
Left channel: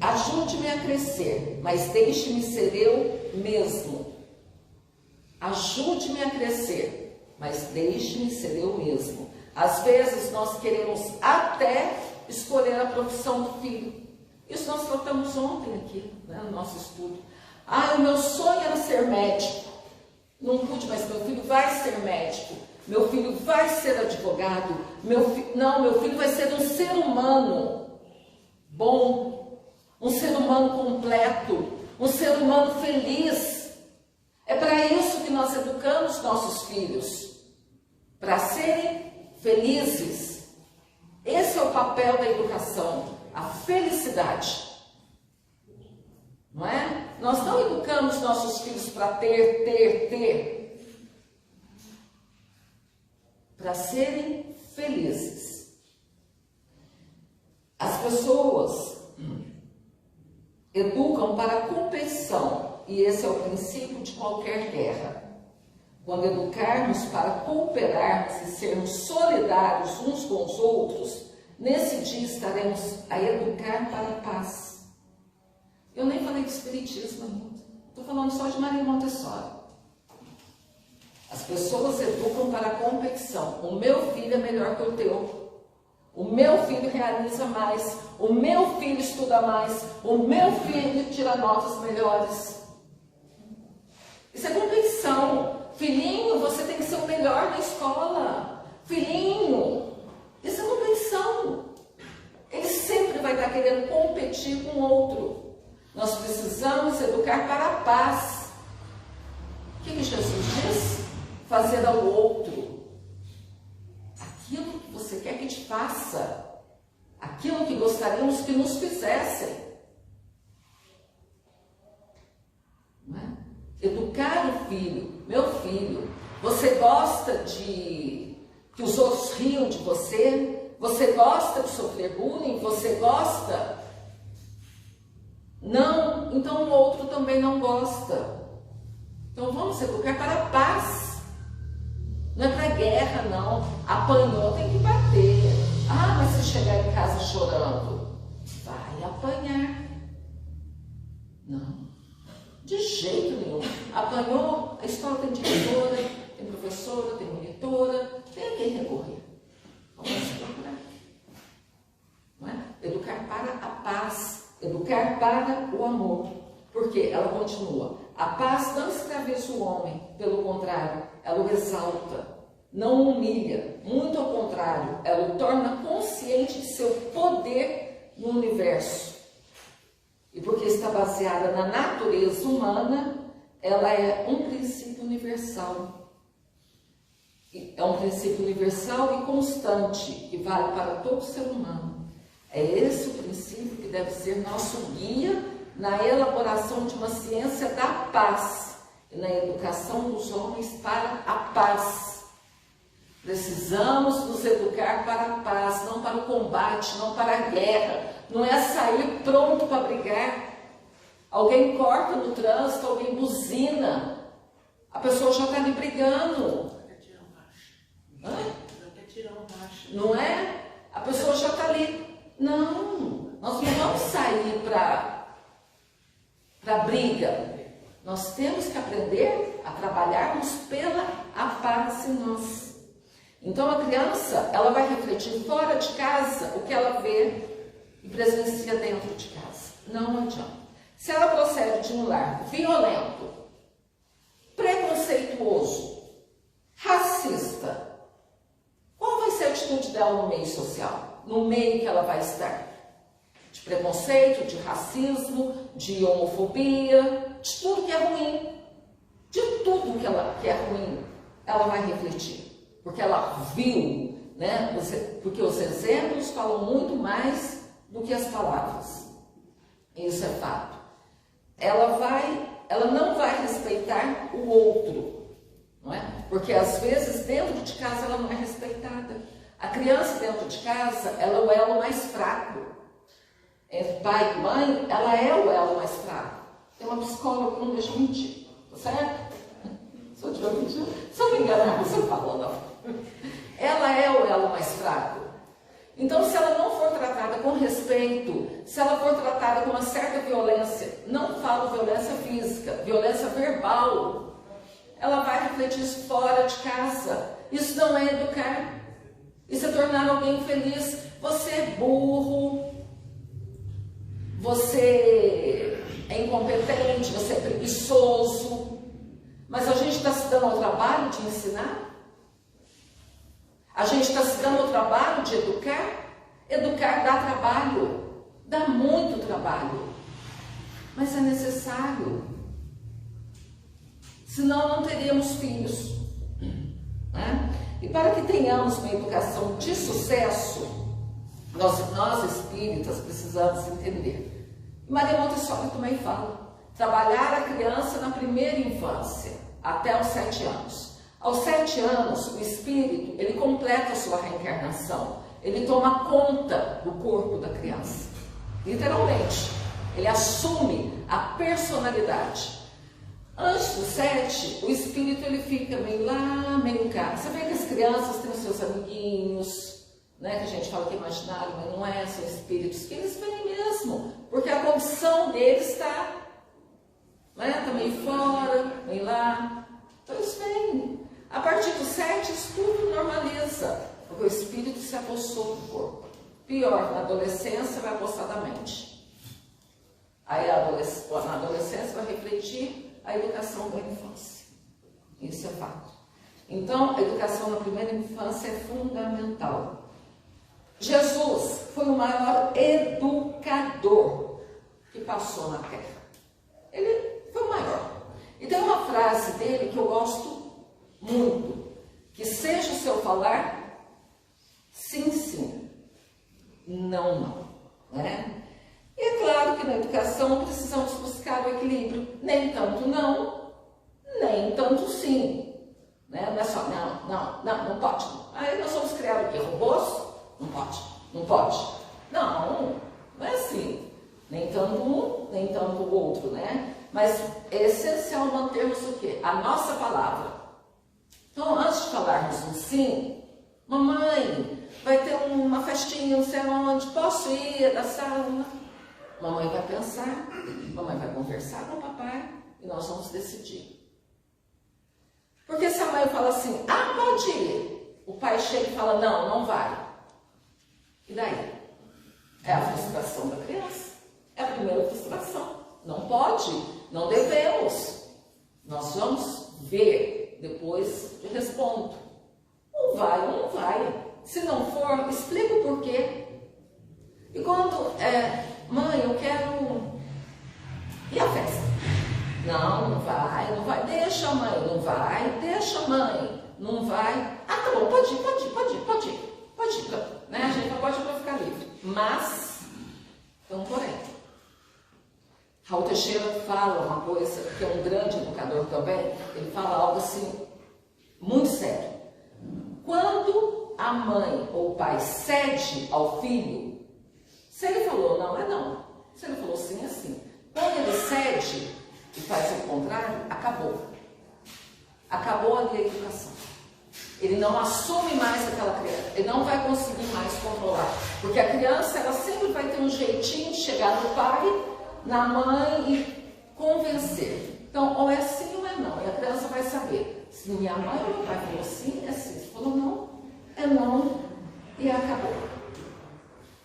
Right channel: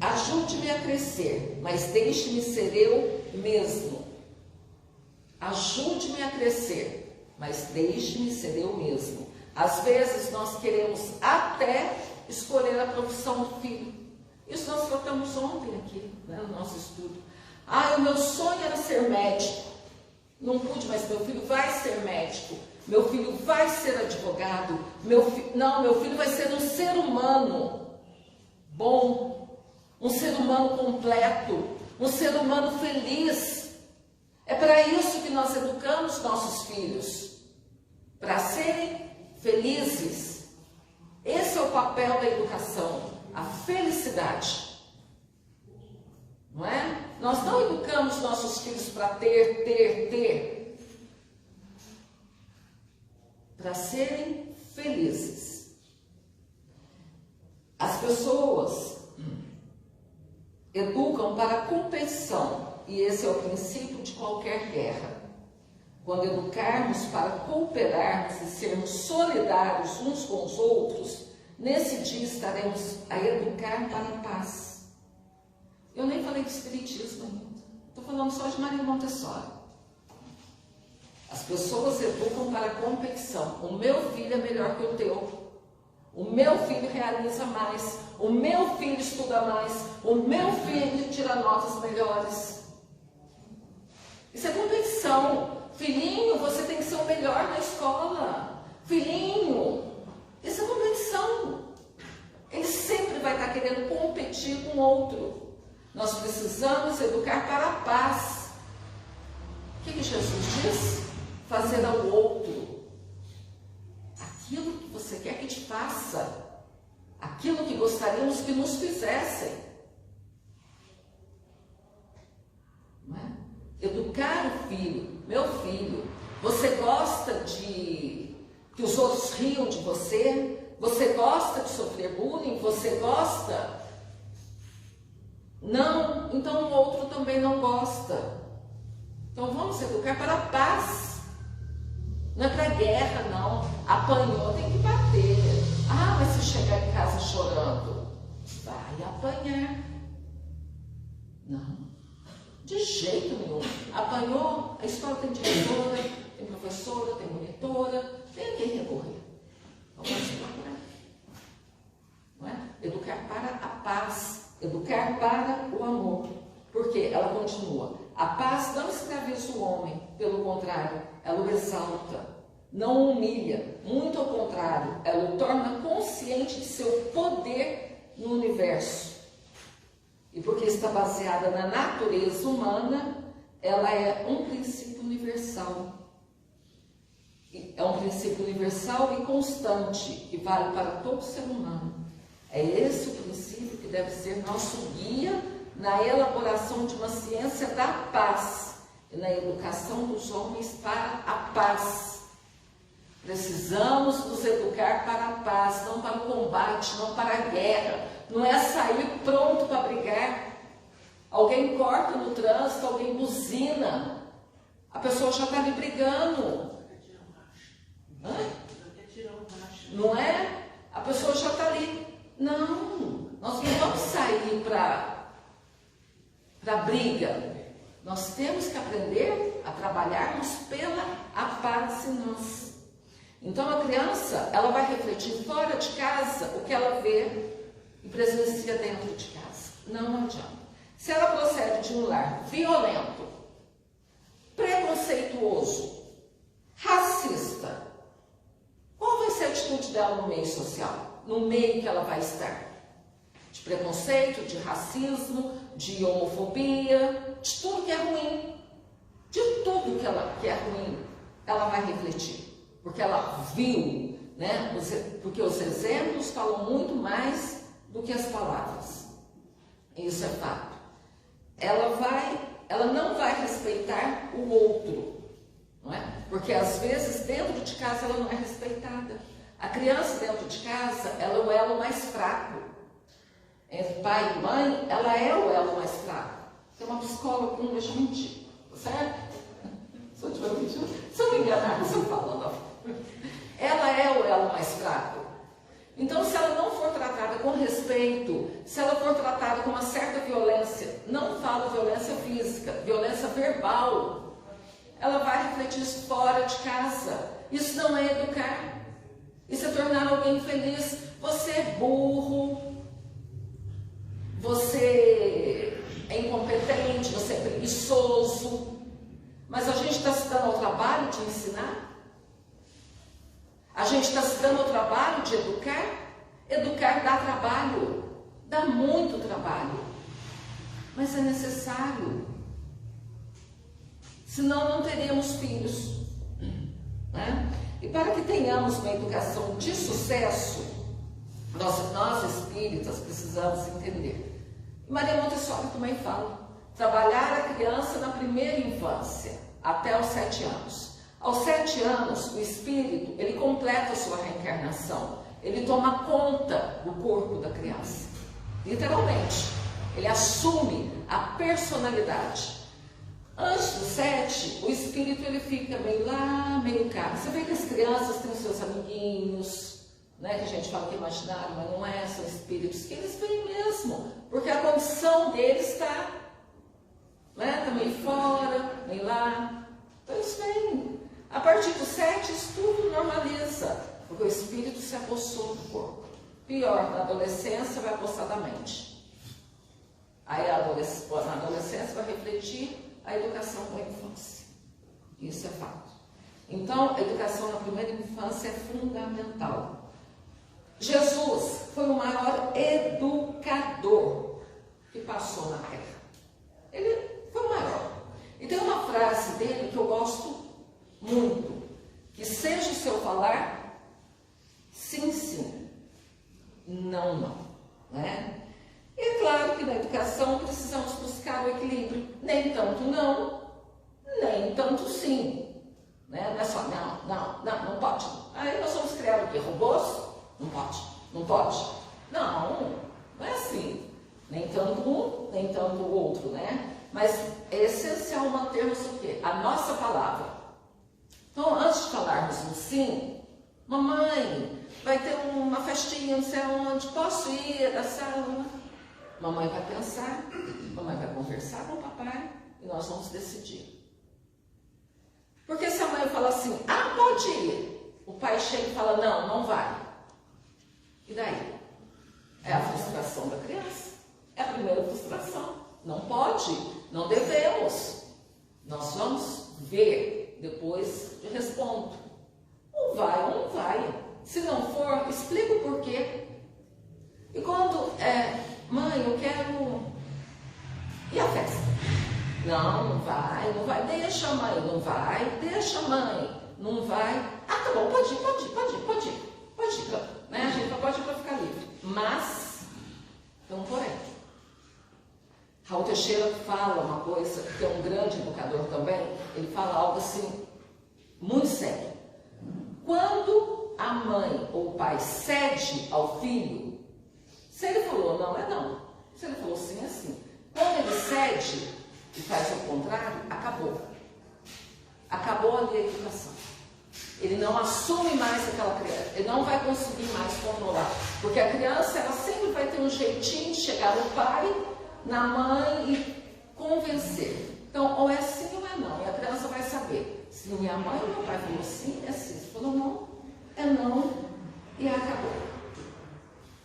Ajude-me a crescer, mas deixe-me ser eu mesmo. ajude-me a crescer, mas deixe-me ser eu mesmo. Às vezes nós queremos até escolher a profissão do filho. Isso nós tratamos ontem aqui, né, no nosso estudo. O meu sonho era ser médico. Não pude, mas meu filho vai ser médico. Meu filho vai ser advogado. Meu filho vai ser um ser humano bom, um ser humano completo, um ser humano feliz. É para isso que nós educamos nossos filhos, para serem felizes. Esse é o papel da educação, a felicidade. Não é? Nós não educamos nossos filhos para ter, para serem felizes. As pessoas educam para a competição, e esse é o princípio de qualquer guerra. Quando educarmos para cooperarmos e sermos solidários uns com os outros, nesse dia estaremos a educar para a paz. Eu nem falei de espiritismo ainda, estou falando só de Maria Montessori. As pessoas educam para a competição. O meu filho é melhor que o teu. O meu filho realiza mais. O meu filho estuda mais. O meu filho tira notas melhores. Isso é competição. Filhinho, você tem que ser o melhor na escola. Filhinho, isso é competição. Ele sempre vai estar querendo competir com o outro. Nós precisamos educar para a paz. O que Jesus diz? Fazer ao outro aquilo que você quer que te faça, aquilo que gostaríamos que nos fizessem. Não é? Educar o filho. Meu filho, você gosta de que os outros riam de você? Você gosta de sofrer bullying? Você gosta? Não, então o outro também não gosta. Então vamos educar para a paz. Não é para guerra, não. Apanhou, tem que bater. Mas se chegar em casa chorando, vai apanhar. Não, de jeito nenhum. Apanhou, a escola tem diretora, tem professora, tem monitora, tem a quem recorrer. Vamos procurar. Não é? Educar para a paz. Educar para o amor, porque ela continua. A paz não escraviza o homem, pelo contrário, ela o exalta, não o humilha, muito ao contrário, ela o torna consciente de seu poder no universo. E porque está baseada na natureza humana, ela é um princípio universal. É um princípio universal e constante, que vale para todo ser humano. É esse o princípio que deve ser nosso guia na elaboração de uma ciência da paz e na educação dos homens para a paz. Precisamos nos educar para a paz, não para o combate, não para a guerra. Não é sair pronto para brigar. Alguém corta no trânsito, alguém buzina. A pessoa já está ali brigando. Não é? A pessoa já está ali. Não, nós não vamos sair para briga. Nós temos que aprender a trabalharmos pela a paz em nós. Então a criança, ela vai refletir fora de casa o que ela vê e presencia dentro de casa. Não adianta. Se ela procede de um lar violento, preconceituoso, racista, qual vai ser a atitude dela no meio social? No meio que ela vai estar? De preconceito, de racismo, de homofobia, de tudo que é ruim. De tudo que é ruim, ela vai refletir. Porque ela viu, né? Porque os exemplos falam muito mais do que as palavras. Isso é fato. Ela não vai respeitar o outro, não é? Porque às vezes dentro de casa ela não é respeitada. A criança dentro de casa, ela é o elo mais fraco. Entre pai e mãe, ela é o elo mais fraco. Tem uma psicóloga que não deixa mentir, tá certo? Se eu estiver mentindo, se eu me enganar, você fala. Ela é o elo mais fraco. Então, se ela não for tratada com respeito, se ela for tratada com uma certa violência, não falo violência física, violência verbal, ela vai refletir isso fora de casa. Isso não é educar. Isso é tornar alguém feliz. Você é burro, você é incompetente, você é preguiçoso, mas a gente está se dando ao trabalho de ensinar? A gente está se dando ao trabalho de educar? Educar dá trabalho, dá muito trabalho, mas é necessário. Senão não teríamos filhos, né? E para que tenhamos uma educação de sucesso, nós espíritas precisamos entender. E Maria Montessori também fala, trabalhar a criança na primeira infância, até os 7 anos. Aos 7 anos, o espírito, ele completa a sua reencarnação, ele toma conta do corpo da criança, literalmente, ele assume a personalidade. Antes dos 7, o espírito ele fica meio lá, meio cá. Você vê que as crianças têm os seus amiguinhos, né, que a gente fala que é imaginário, mas não é, são espíritos que eles vêm mesmo, porque a condição deles está, né, tá meio fora, meio lá, então eles vêm. A partir dos 7, isso tudo normaliza, porque o espírito se apossou do corpo. Pior, na adolescência vai apossar da mente. Aí na adolescência vai refletir a educação da infância. Isso é fato. Então, a educação na primeira infância é fundamental. Jesus foi o maior educador que passou na Terra. Ele foi o maior. E tem uma frase dele que eu gosto muito, que seja o seu falar, sim, sim, não, não, né? E é claro que na educação precisamos buscar o equilíbrio, nem tanto não, nem tanto sim, né? Não é só não pode. Aí nós vamos criar o quê? Robôs? Não pode, não pode. Não é assim, nem tanto um, nem tanto o outro, né? Mas é essencial mantermos o quê? A nossa palavra. Então, antes de falarmos um sim, mamãe, vai ter uma festinha, não sei onde, posso ir da sala? Mamãe vai pensar, mamãe vai conversar com o papai e nós vamos decidir. Porque se a mãe fala assim, pode ir, o pai chega e fala, não vai. E daí? É a frustração da criança. É a primeira frustração. Não pode, não devemos. Nós vamos ver, depois eu respondo. Um vai ou não vai. Se não for, explica o porquê. E quando mãe, eu quero... E a festa? Não vai. Deixa, mãe, não vai. Deixa, mãe, não vai. Tá bom, pode ir. Né? A gente não pode ir para ficar livre. Mas, então, porém, Raul Teixeira fala uma coisa, que é um grande educador também, ele fala algo assim, muito sério. Quando a mãe ou o pai cede ao filho, se ele falou não, é não. Se ele falou sim, é sim. Quando ele cede e faz o contrário, acabou. Acabou ali a educação. Ele não assume mais aquela criança, ele não vai conseguir mais controlar. Porque a criança, ela sempre vai ter um jeitinho de chegar no pai, na mãe e convencer. Então, ou é sim ou é não. E a criança vai saber. Se minha mãe ou meu pai falou sim, é sim. Se falou não, é não. E acabou.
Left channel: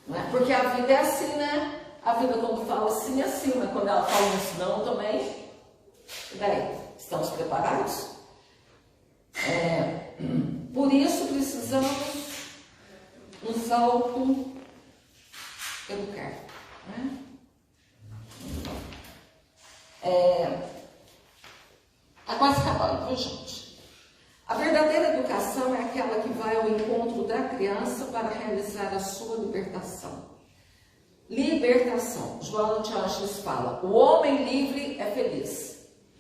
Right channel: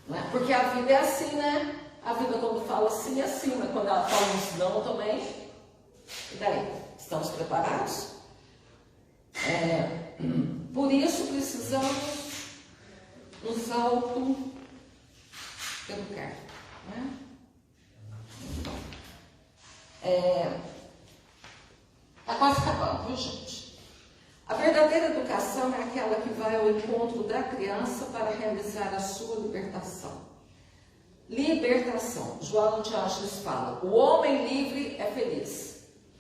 Não é? Porque a vida é assim, né? A vida quando fala sim é sim, mas quando ela fala um não também. E daí? Estamos preparados? Por isso precisamos nos auto-educar. Né? Tá quase acabando, viu, gente? A verdadeira educação é aquela que vai ao encontro da criança para realizar a sua libertação. Libertação. João de Ângeles fala, o homem livre é feliz.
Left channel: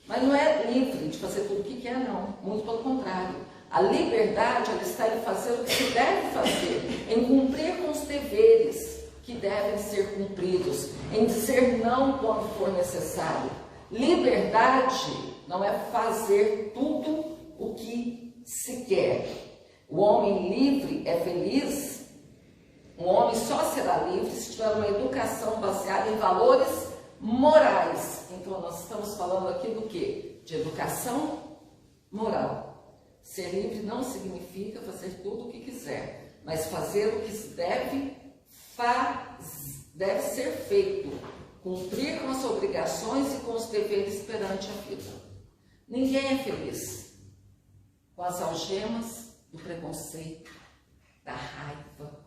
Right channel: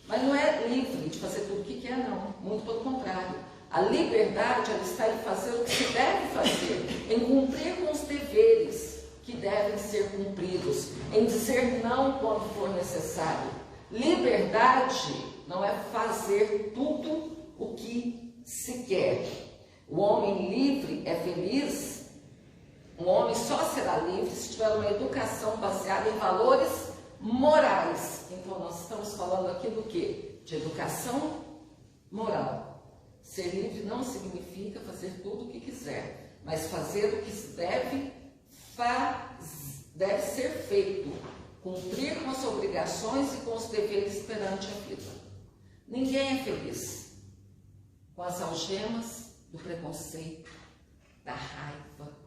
Mas não é livre de fazer tudo o que quer, não. Muito pelo contrário. A liberdade, ela está em fazer o que se deve fazer, em cumprir com os deveres que devem ser cumpridos, em dizer não quando for necessário. Liberdade não é fazer tudo o que se quer. O homem livre é feliz. O homem só será livre se tiver uma educação baseada em valores morais. Então, nós estamos falando aqui do quê? De educação moral. Ser livre não significa fazer tudo o que quiser, mas fazer o que se deve ser feito, cumprir com as obrigações e com os deveres perante a vida. Ninguém é feliz com as algemas do preconceito, da raiva,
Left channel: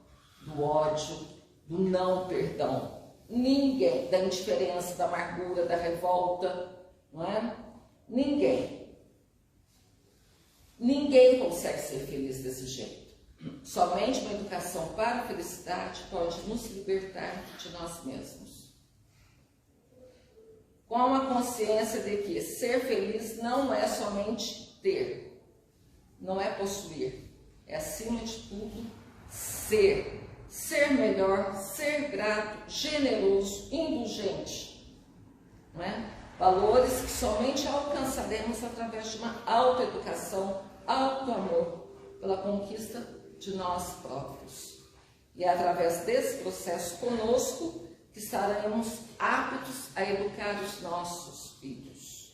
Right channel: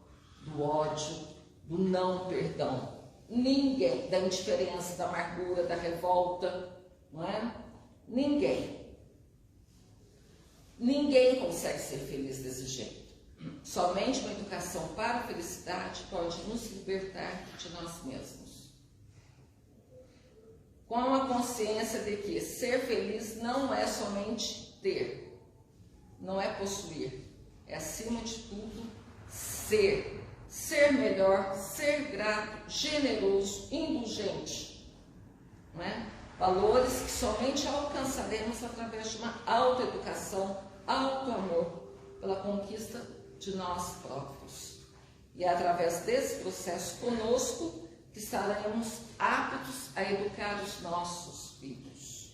do ódio, do não perdão. Ninguém, da indiferença, da amargura, da revolta, não é? Ninguém consegue ser feliz desse jeito. Somente uma educação para a felicidade pode nos libertar de nós mesmos. Com a consciência de que ser feliz não é somente ter, não é possuir, é acima de tudo ser. Ser melhor, ser grato, generoso, indulgente, não é? Valores que somente alcançaremos através de uma autoeducação, autoamor, pela conquista de nós próprios. E é através desse processo conosco que estaremos aptos a educar os nossos filhos.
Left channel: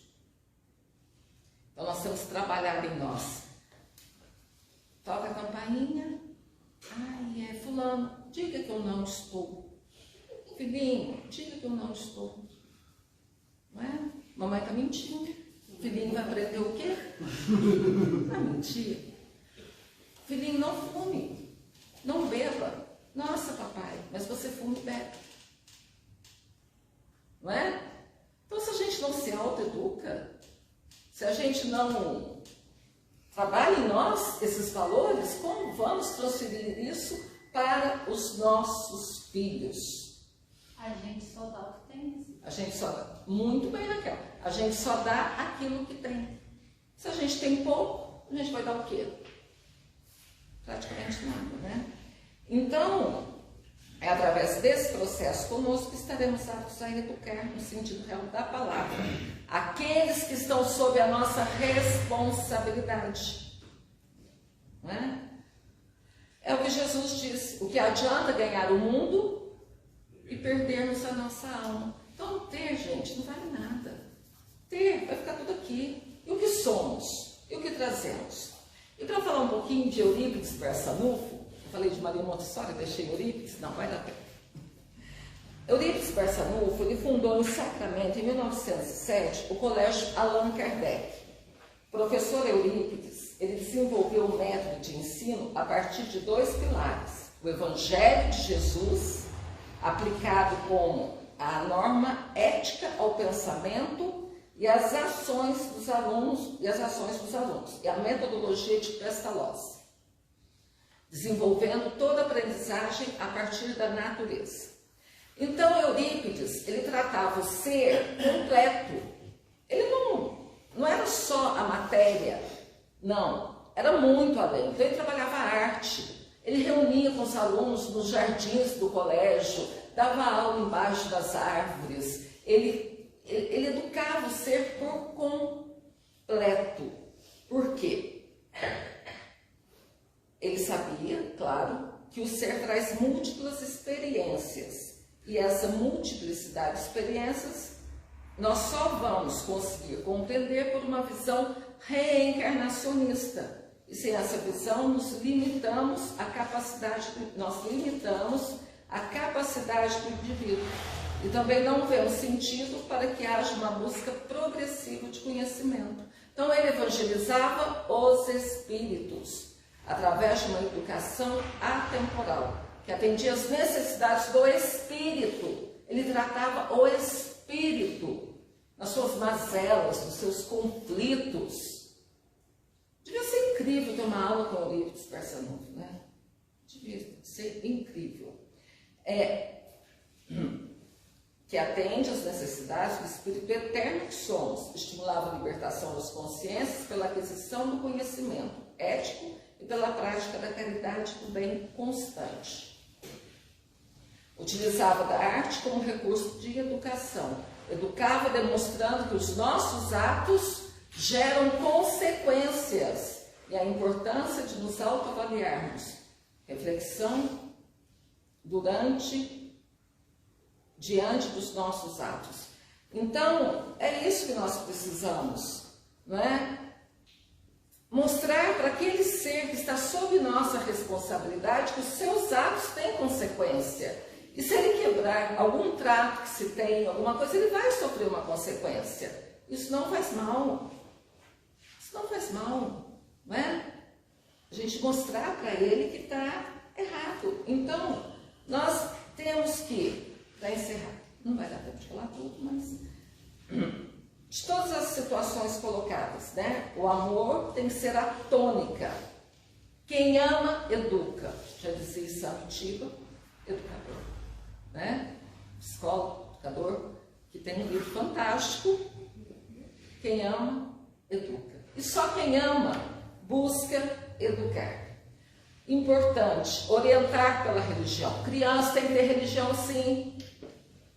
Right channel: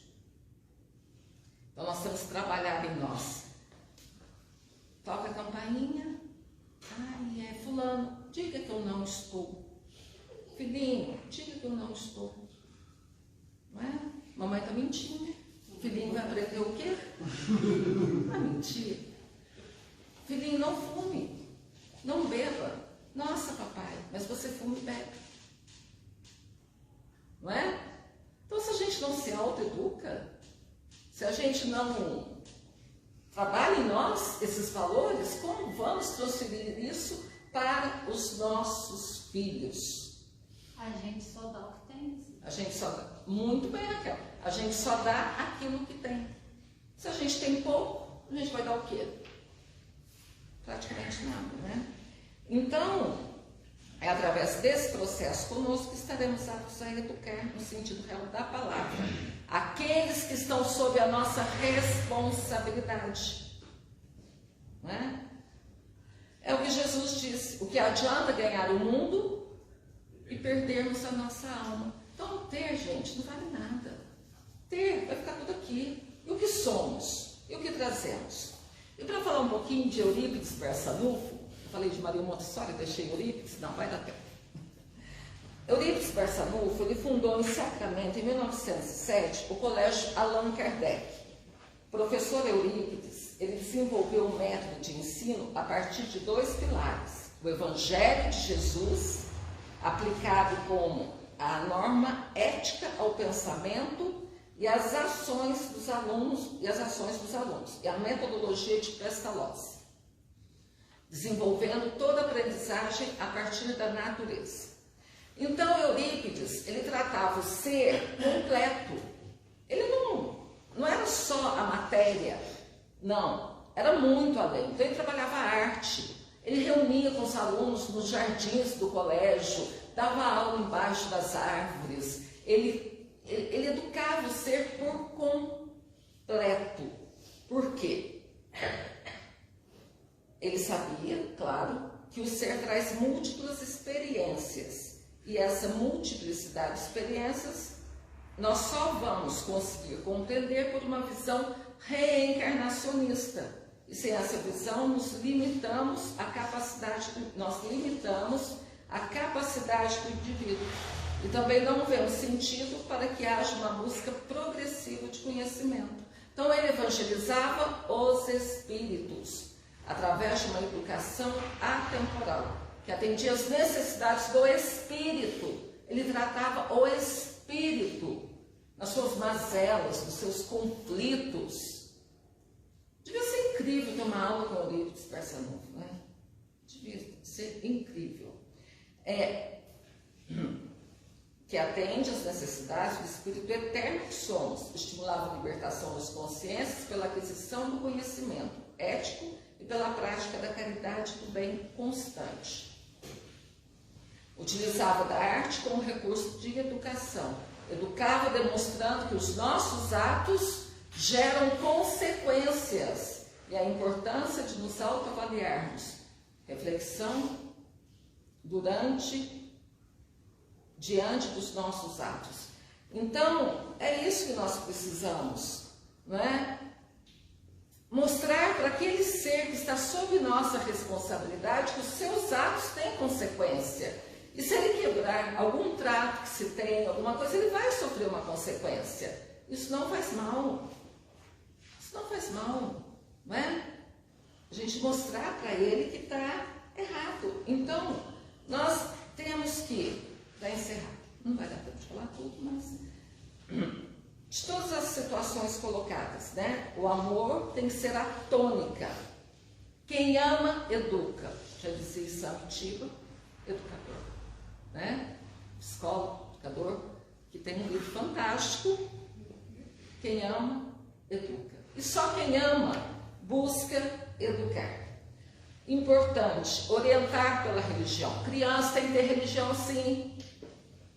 Então nós temos que trabalhar em nós. Toca a campainha. Ai, é fulano, diga que eu não estou. Filhinho, diga que eu não estou. Não é? Mamãe está mentindo. Filhinho vai aprender o quê? Vai mentir. Filhinho, não fume, não beba. Nossa, papai, mas você fuma e bebe. Não é? Então, se a gente não se autoeduca, se a gente não trabalha em nós esses valores, como vamos transferir isso para os nossos filhos? A gente só dá o que tem. A gente só dá. Muito bem, Raquel. A gente só dá aquilo que tem. Se a gente tem pouco, a gente vai dar o quê? Praticamente nada, né? Então, é através desse processo conosco que estaremos aptos a educar, no sentido real da palavra, aqueles que estão sob a nossa responsabilidade. Não é? É o que Jesus disse: o que adianta ganhar o mundo e perdermos a nossa alma. Então, ter, gente, não vale nada. Ter, vai ficar tudo aqui. E o que somos? E o que trazemos? E para falar um pouquinho de Eurípides Barçanufo, eu falei de Maria Montessori, deixei Eurípides, não vai dar tempo. Eurípides Barçanufo, ele fundou em Sacramento, em 1907, o Colégio Allan Kardec. O professor Eurípides, ele desenvolveu um método de ensino a partir de 2 pilares: o Evangelho de Jesus, aplicado como a norma ética ao pensamento e as ações dos alunos, e a metodologia de Pestalozzi, desenvolvendo toda a aprendizagem a partir da natureza. Então, Eurípides, ele tratava o ser completo. Ele não era só a matéria, não, era muito além. Então, ele trabalhava a arte, ele reunia com os alunos nos jardins do colégio, dava aula embaixo das árvores, ele educava o ser por completo. Por quê? Ele sabia, claro, que o ser traz múltiplas experiências. E essa multiplicidade de experiências nós só vamos conseguir compreender por uma visão reencarnacionista. E sem essa visão nós limitamos a capacidade do indivíduo. E também não vemos sentido para que haja uma busca progressiva de conhecimento. Então ele evangelizava os espíritos através de uma educação atemporal, que atendia às necessidades do espírito. Ele tratava o espírito nas suas mazelas, nos seus conflitos. Devia ser incrível ter uma aula com o Eurípides Barçanufo, né? Devia ser incrível. Que atende às necessidades do espírito eterno que somos, estimulava a libertação das consciências pela aquisição do conhecimento ético e pela prática da caridade do bem constante. Utilizava da arte como recurso de educação. Educava demonstrando que os nossos atos geram consequências e a importância de nos autoavaliarmos. Reflexão diante dos nossos atos. Então, é isso que nós precisamos, não é? mostrar para aquele ser que está sob nossa responsabilidade que os seus atos têm consequência. E se ele quebrar algum trato que se tem, alguma coisa, ele vai sofrer uma consequência. Isso não faz mal. Isso não faz mal, não é? A gente mostrar para ele que está errado. Então, nós temos que, para encerrar, não vai dar tempo de falar tudo, mas de todas as situações colocadas, né? O amor tem que ser a tônica. Quem ama, educa. Já dizia Samitiba, educador, né? Psicólogo, educador, que tem um livro fantástico. Quem ama, educa. E só quem ama busca educar. Importante, orientar pela religião. Criança tem que ter religião, sim.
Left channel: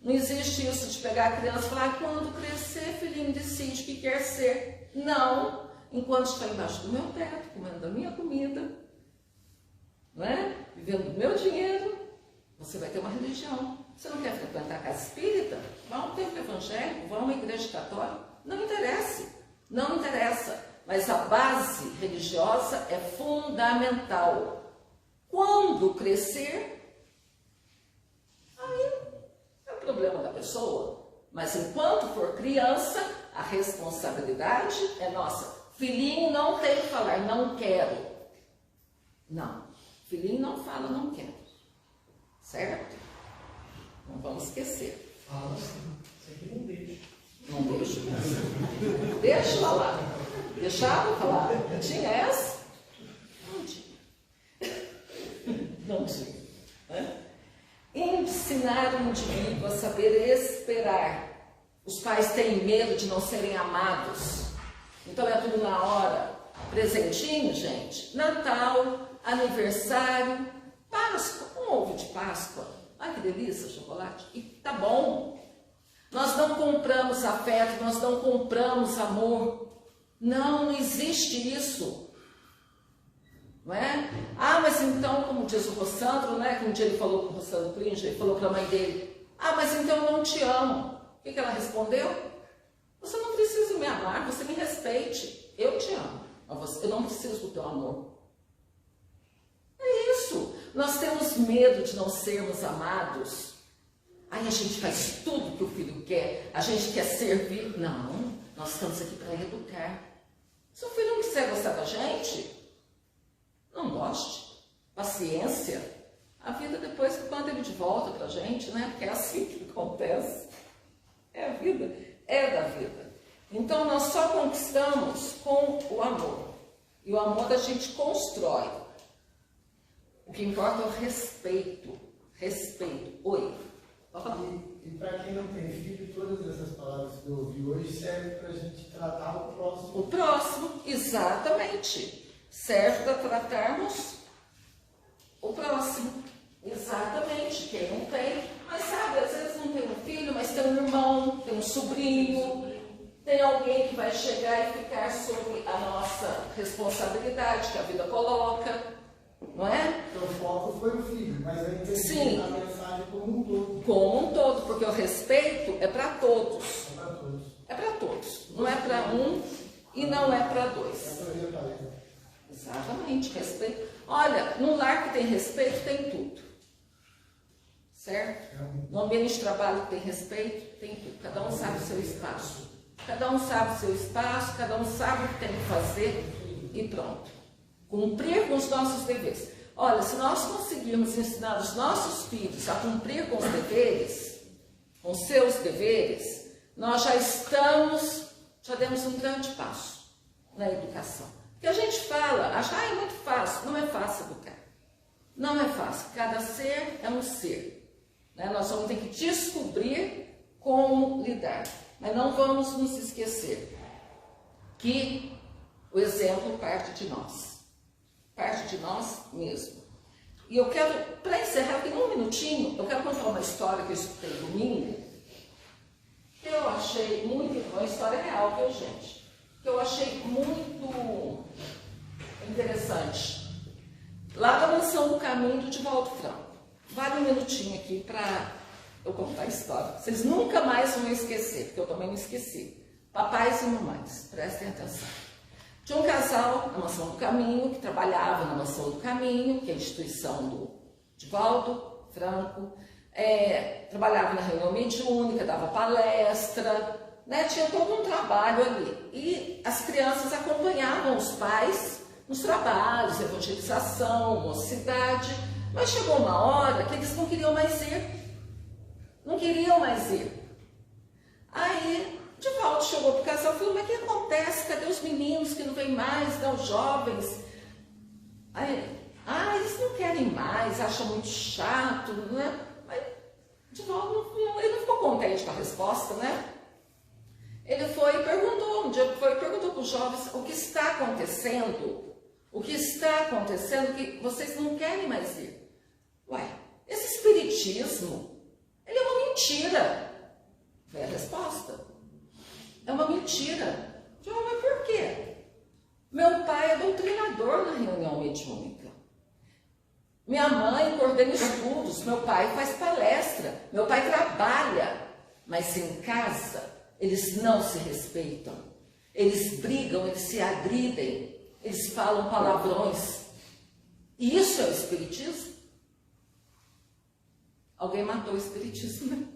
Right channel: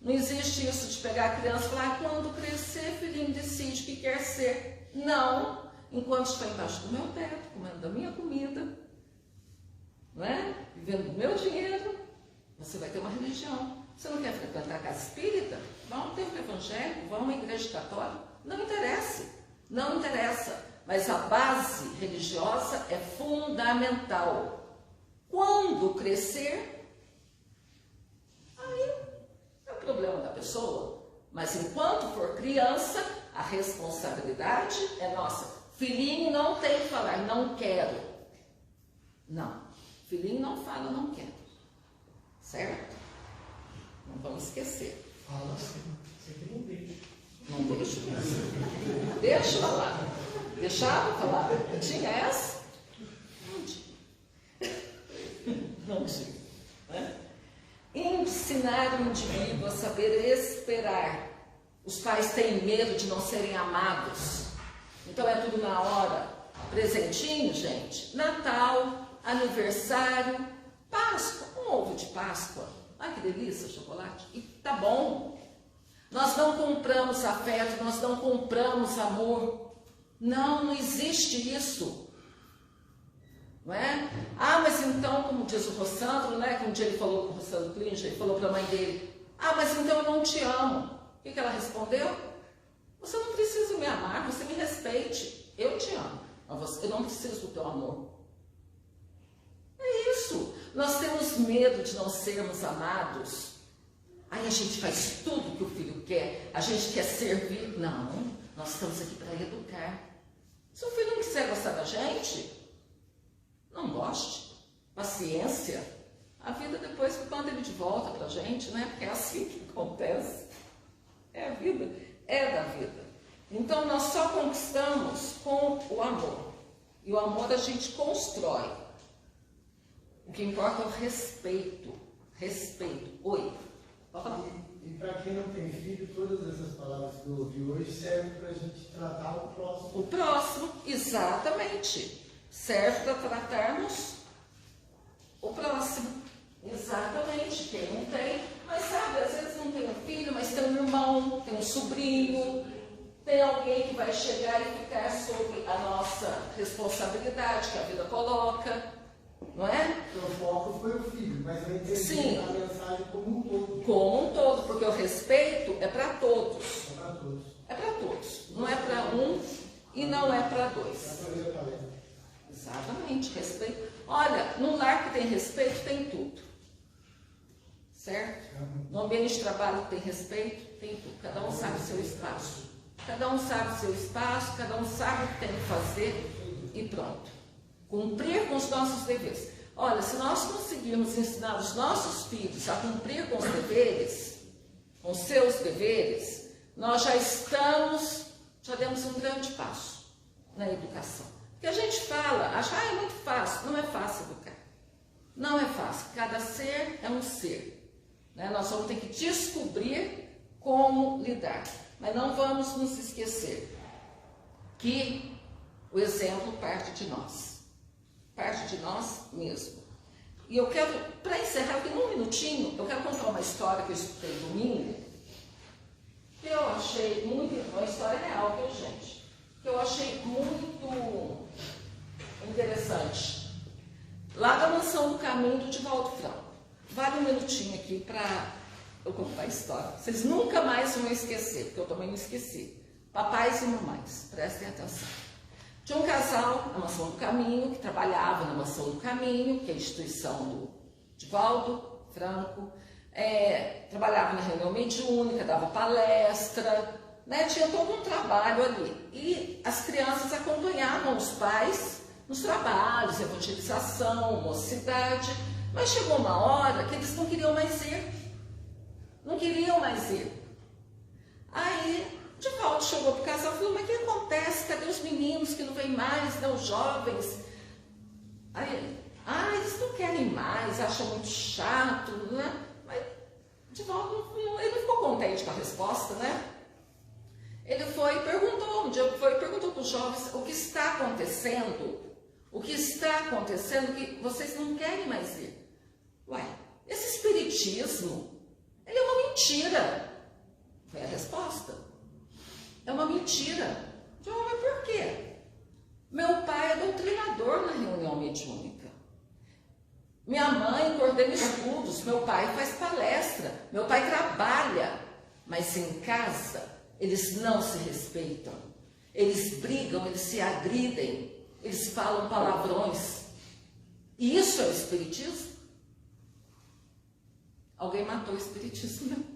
Não existe isso de pegar a criança e falar, quando crescer, filhinho, decide o que quer ser. Não. Enquanto está embaixo do meu teto, comendo da minha comida, não é? Vivendo do meu dinheiro, você vai ter uma religião. Você não quer frequentar a casa espírita? Vá a um templo evangélico, vá a uma igreja católica. Não interessa. Não interessa. Mas a base religiosa é fundamental. Quando crescer, aí é o problema da pessoa. Mas enquanto for criança, a responsabilidade é nossa. Filhinho não tem que falar, não quero. Não. Filhinho não fala, não quero. Certo? Não vamos esquecer. Fala assim, você que não deixa. Não deixo mesmo. Deixa falar. Deixava falar? Tinha essa? Não tinha. Não tinha. Né? Ensinar o indivíduo a saber esperar. Os pais têm medo de não serem amados. Então é tudo na hora. Presentinho, gente. Natal, aniversário, Páscoa. Um ovo de Páscoa. Ai, que delícia, chocolate. E tá bom. Nós não compramos afeto, nós não compramos amor. Não, não existe isso. Não é? Ah, mas então, como diz o Rossandro, né? Que um dia ele falou com o Rossandro Klinger, ele falou para a mãe dele, ah, mas então eu não te amo. O que ela respondeu? Você não precisa me amar, você me respeite. Eu te amo, mas eu não preciso do teu amor. É isso. Nós temos medo de não sermos amados. Aí a gente faz tudo que o filho quer, a gente quer servir. Não, nós estamos aqui para educar. Se o filho não quiser gostar da gente, não goste. Paciência. A vida depois manda ele de volta para a gente, né? Porque é assim que acontece. É a vida, é da vida. Então nós só conquistamos com o amor. E o amor a gente constrói. O que importa é o respeito. Respeito. Oi. E para quem não tem filho, todas essas palavras que eu ouvi hoje servem para a gente tratar o próximo. O próximo, exatamente. Serve para tratarmos o próximo. Exatamente. Quem não tem, mas sabe, às vezes não tem um filho, mas tem um irmão, tem um sobrinho, tem alguém que vai chegar e ficar sob a nossa responsabilidade que a vida coloca. Não é? Então, o foco foi o filho, mas eu entendi Sim. a mensagem como um todo. Como um todo, porque o respeito é para todos. É para todos. É para todos. Não é para um e não é para dois. É para ver a palestra. Exatamente, respeito. Olha, num lar que tem respeito, tem tudo. Certo? No ambiente de trabalho que tem respeito, tem tudo. Cada um sabe o seu espaço. Cada um sabe o seu espaço, cada um sabe o que tem que fazer e pronto. Cumprir com os nossos deveres. Olha, se nós conseguirmos ensinar os nossos filhos a cumprir com os deveres, com seus deveres, nós já demos um grande passo na educação. Porque a gente fala, acha, é muito fácil. Não é fácil educar. Não é fácil. Cada ser é um ser. Né? Nós vamos ter que descobrir como lidar. Mas não vamos nos esquecer que o exemplo parte de nós. Parte de nós mesmo. E eu quero, para encerrar, tem um minutinho, eu quero contar uma história que eu escutei domingo, que eu achei muito, uma história real, viu, gente? Que eu achei muito interessante. Lá da Mansão do Caminho do Divaldo Franco. Vale um minutinho aqui para eu contar a história. Vocês nunca mais vão esquecer, porque eu também não esqueci. Papais e mamães, prestem atenção. Tinha um casal na Mansão do Caminho, que trabalhava na Mansão do Caminho, que é a instituição do Divaldo Franco, trabalhava na reunião mediúnica, dava palestra, né? Tinha todo um trabalho ali. E as crianças acompanhavam os pais nos trabalhos, evangelização, mocidade, mas chegou uma hora que eles não queriam mais ir. Não queriam mais ir. Aí, Divaldo chegou pro casal e falou, mas o que acontece? Cadê os meninos que não vêm mais, né? Os jovens? Aí, eles não querem mais, acham muito chato, né? Mas Divaldo ele não ficou contente com a resposta, né? Ele foi e perguntou, um dia perguntou para os jovens, o que está acontecendo? O que está acontecendo que vocês não querem mais ir? Ué, esse espiritismo, ele é uma mentira. Foi a resposta. É uma mentira. Eu falei, mas por quê? Meu pai é doutrinador na reunião mediúnica. Minha mãe coordena estudos, meu pai faz palestra, meu pai trabalha, mas em casa eles não se respeitam, eles brigam, eles se agridem, eles falam palavrões. E isso é o espiritismo? Alguém matou o espiritismo, né?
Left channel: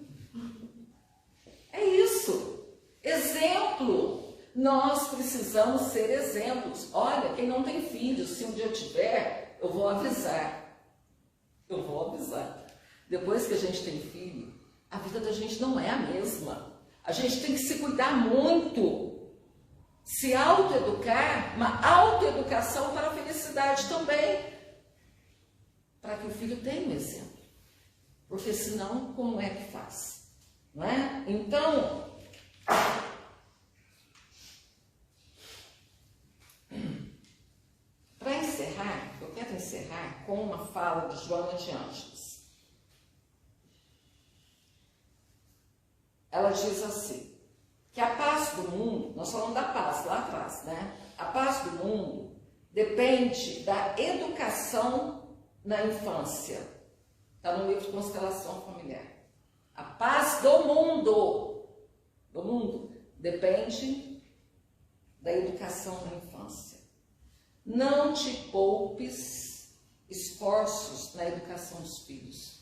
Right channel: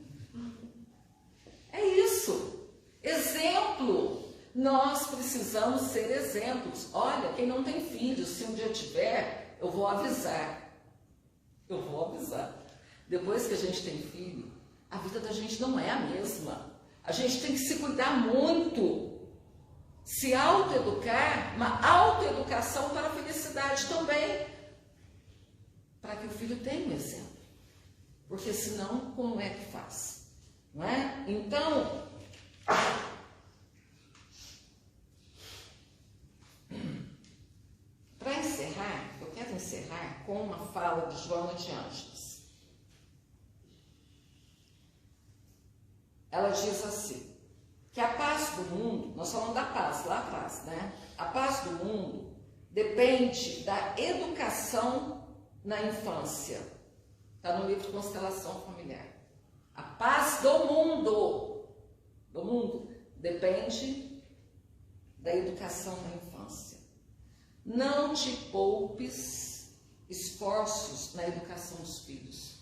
É isso. Exemplo. Nós precisamos ser exemplos. Olha, quem não tem filhos, se um dia tiver, eu vou avisar. Eu vou avisar. Depois que a gente tem filho, a vida da gente não é a mesma. A gente tem que se cuidar muito. Se autoeducar, uma autoeducação para a felicidade também. Para que o filho tenha um exemplo. Porque senão, como é que faz? Não é? Então, para encerrar, eu quero encerrar com uma fala de Joana de Ângeles. Ela diz assim, que a paz do mundo, nós falamos da paz lá atrás, né? A paz do mundo depende da educação na infância. Está no livro Constelação Familiar. A paz do mundo depende da educação na infância. Não te poupes esforços na educação dos filhos.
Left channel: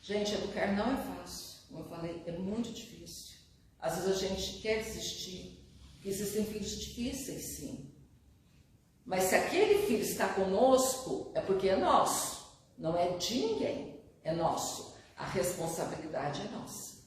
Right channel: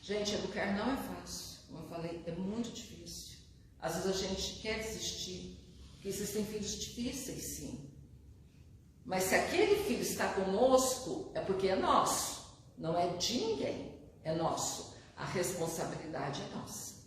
Gente, educar não é fácil. Como eu falei, é muito difícil. Às vezes a gente quer desistir, porque existem filhos difíceis, sim. Mas se aquele filho está conosco, é porque é nosso. Não é de ninguém, é nosso. A responsabilidade é nossa.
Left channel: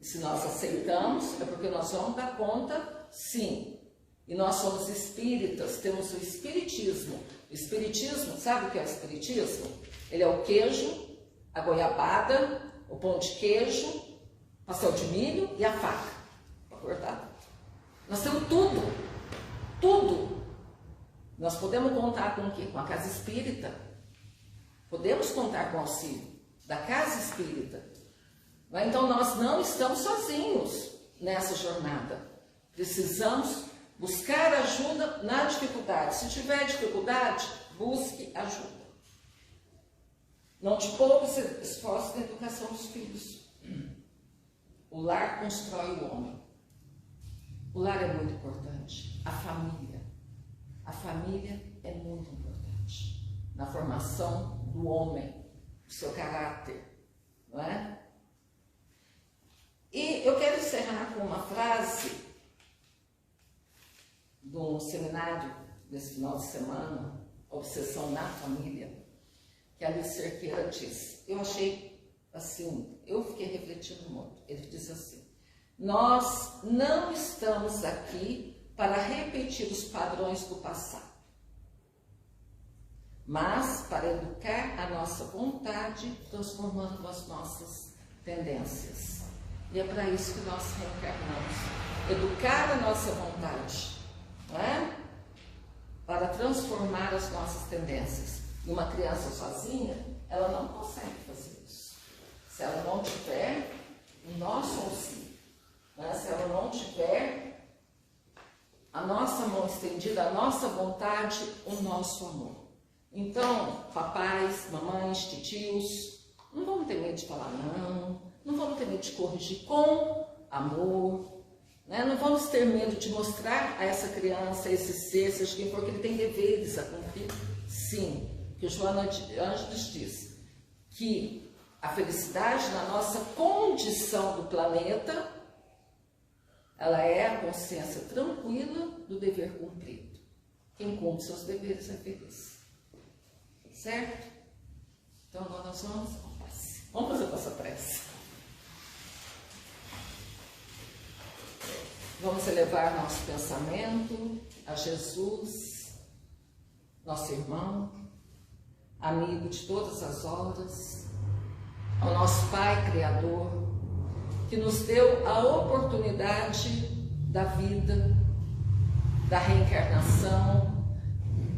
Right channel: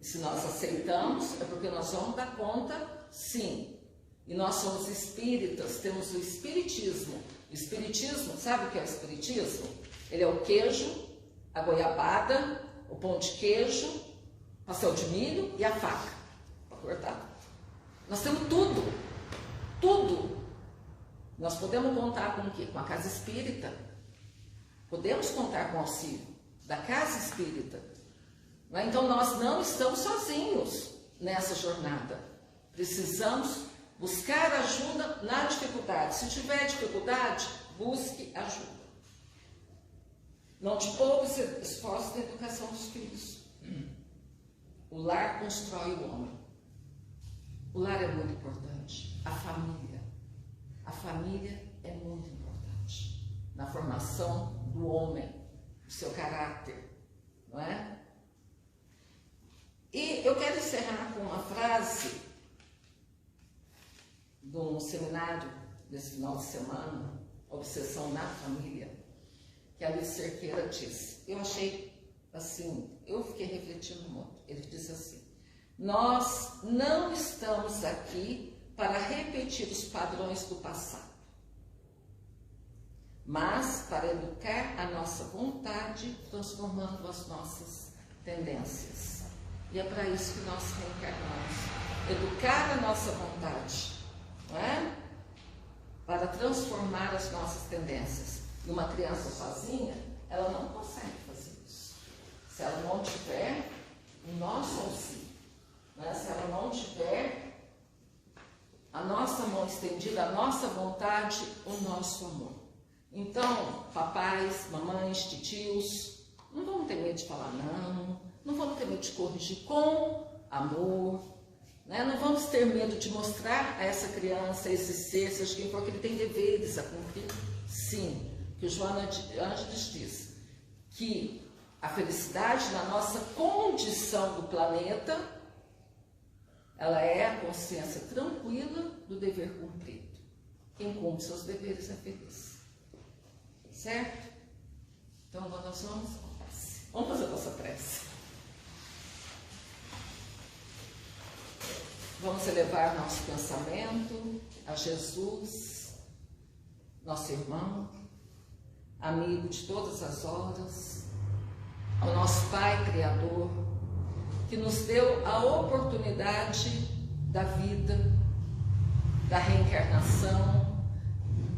E se nós aceitamos, é porque nós vamos dar conta, sim. E nós somos espíritas, temos o espiritismo. O espiritismo, sabe o que é o espiritismo? Ele é o queijo, a goiabada, o pão de queijo, pastel de milho e a faca para cortar. Nós temos tudo, tudo. Nós podemos contar com o quê? Com a casa espírita. Podemos contar com o auxílio da casa espírita. Então nós não estamos sozinhos nessa jornada. Precisamos buscar ajuda na dificuldade. Se tiver dificuldade, busque ajuda. Não te poupes esforços na educação dos filhos. O lar constrói o homem. O lar é muito importante. A família. A família é muito importante na formação do homem, do seu caráter, não é? E eu quero encerrar com uma frase de um seminário desse final de semana, Obsessão na Família, que a Alice Cerqueira disse. Eu achei assim, eu fiquei refletindo muito. Ele disse assim, nós não estamos aqui para repetir os padrões do passado, mas para educar a nossa vontade, transformando as nossas tendências. E é para isso que nós reencarnamos. Educar a nossa vontade, não é? Para transformar as nossas tendências. E uma criança sozinha, ela não consegue fazer isso. Se ela não tiver o nosso auxílio, né? Se ela não tiver a nossa mão estendida, a nossa vontade, o nosso amor. Então, papais, mamães, titios, não vamos ter medo de falar não vamos ter medo de corrigir com amor, Né? Não vamos ter medo de mostrar a essa criança, a esse ser, seja quem for, que ele tem deveres a cumprir. Sim, que o Joana Ângeles diz que a felicidade na nossa condição do planeta, ela é a consciência tranquila do dever cumprido. Quem cumpre seus deveres é feliz. Certo? Então agora nós vamos fazer a nossa prece. Vamos elevar nosso pensamento a Jesus, nosso irmão, amigo de todas as horas, ao nosso Pai Criador, que nos deu a oportunidade da vida, da reencarnação,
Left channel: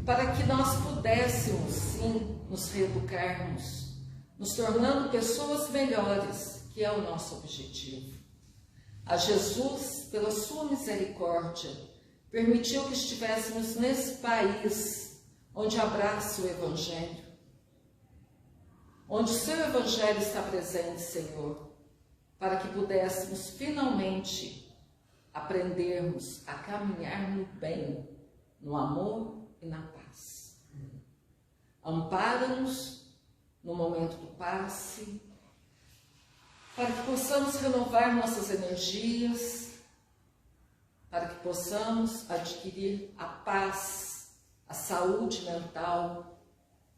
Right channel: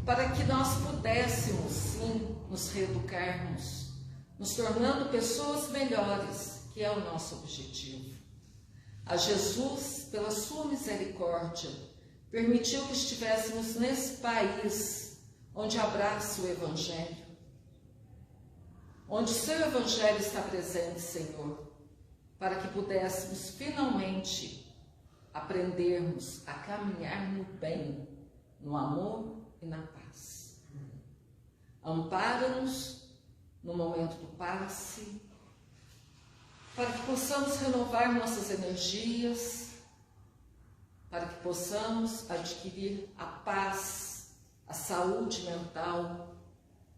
para que nós pudéssemos, sim, nos reeducarmos, nos tornando pessoas melhores, que é o nosso objetivo. A Jesus, pela sua misericórdia, permitiu que estivéssemos nesse país onde abraça o Evangelho, onde o seu Evangelho está presente, Senhor, para que pudéssemos finalmente aprendermos a caminhar no bem, no amor e na paz. Ampara-nos no momento do passe, para que possamos renovar nossas energias, para que possamos adquirir a paz, a saúde mental,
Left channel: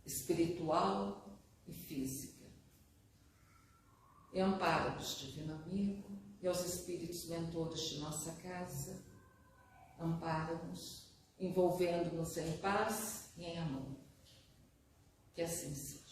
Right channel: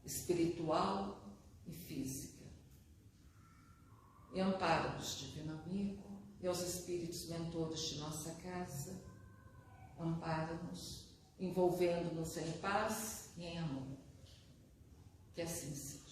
espiritual e física. E ampara-nos, Divino Amigo, e aos espíritos mentores de nossa casa, ampara-nos, envolvendo-nos em paz e em amor. Que assim seja.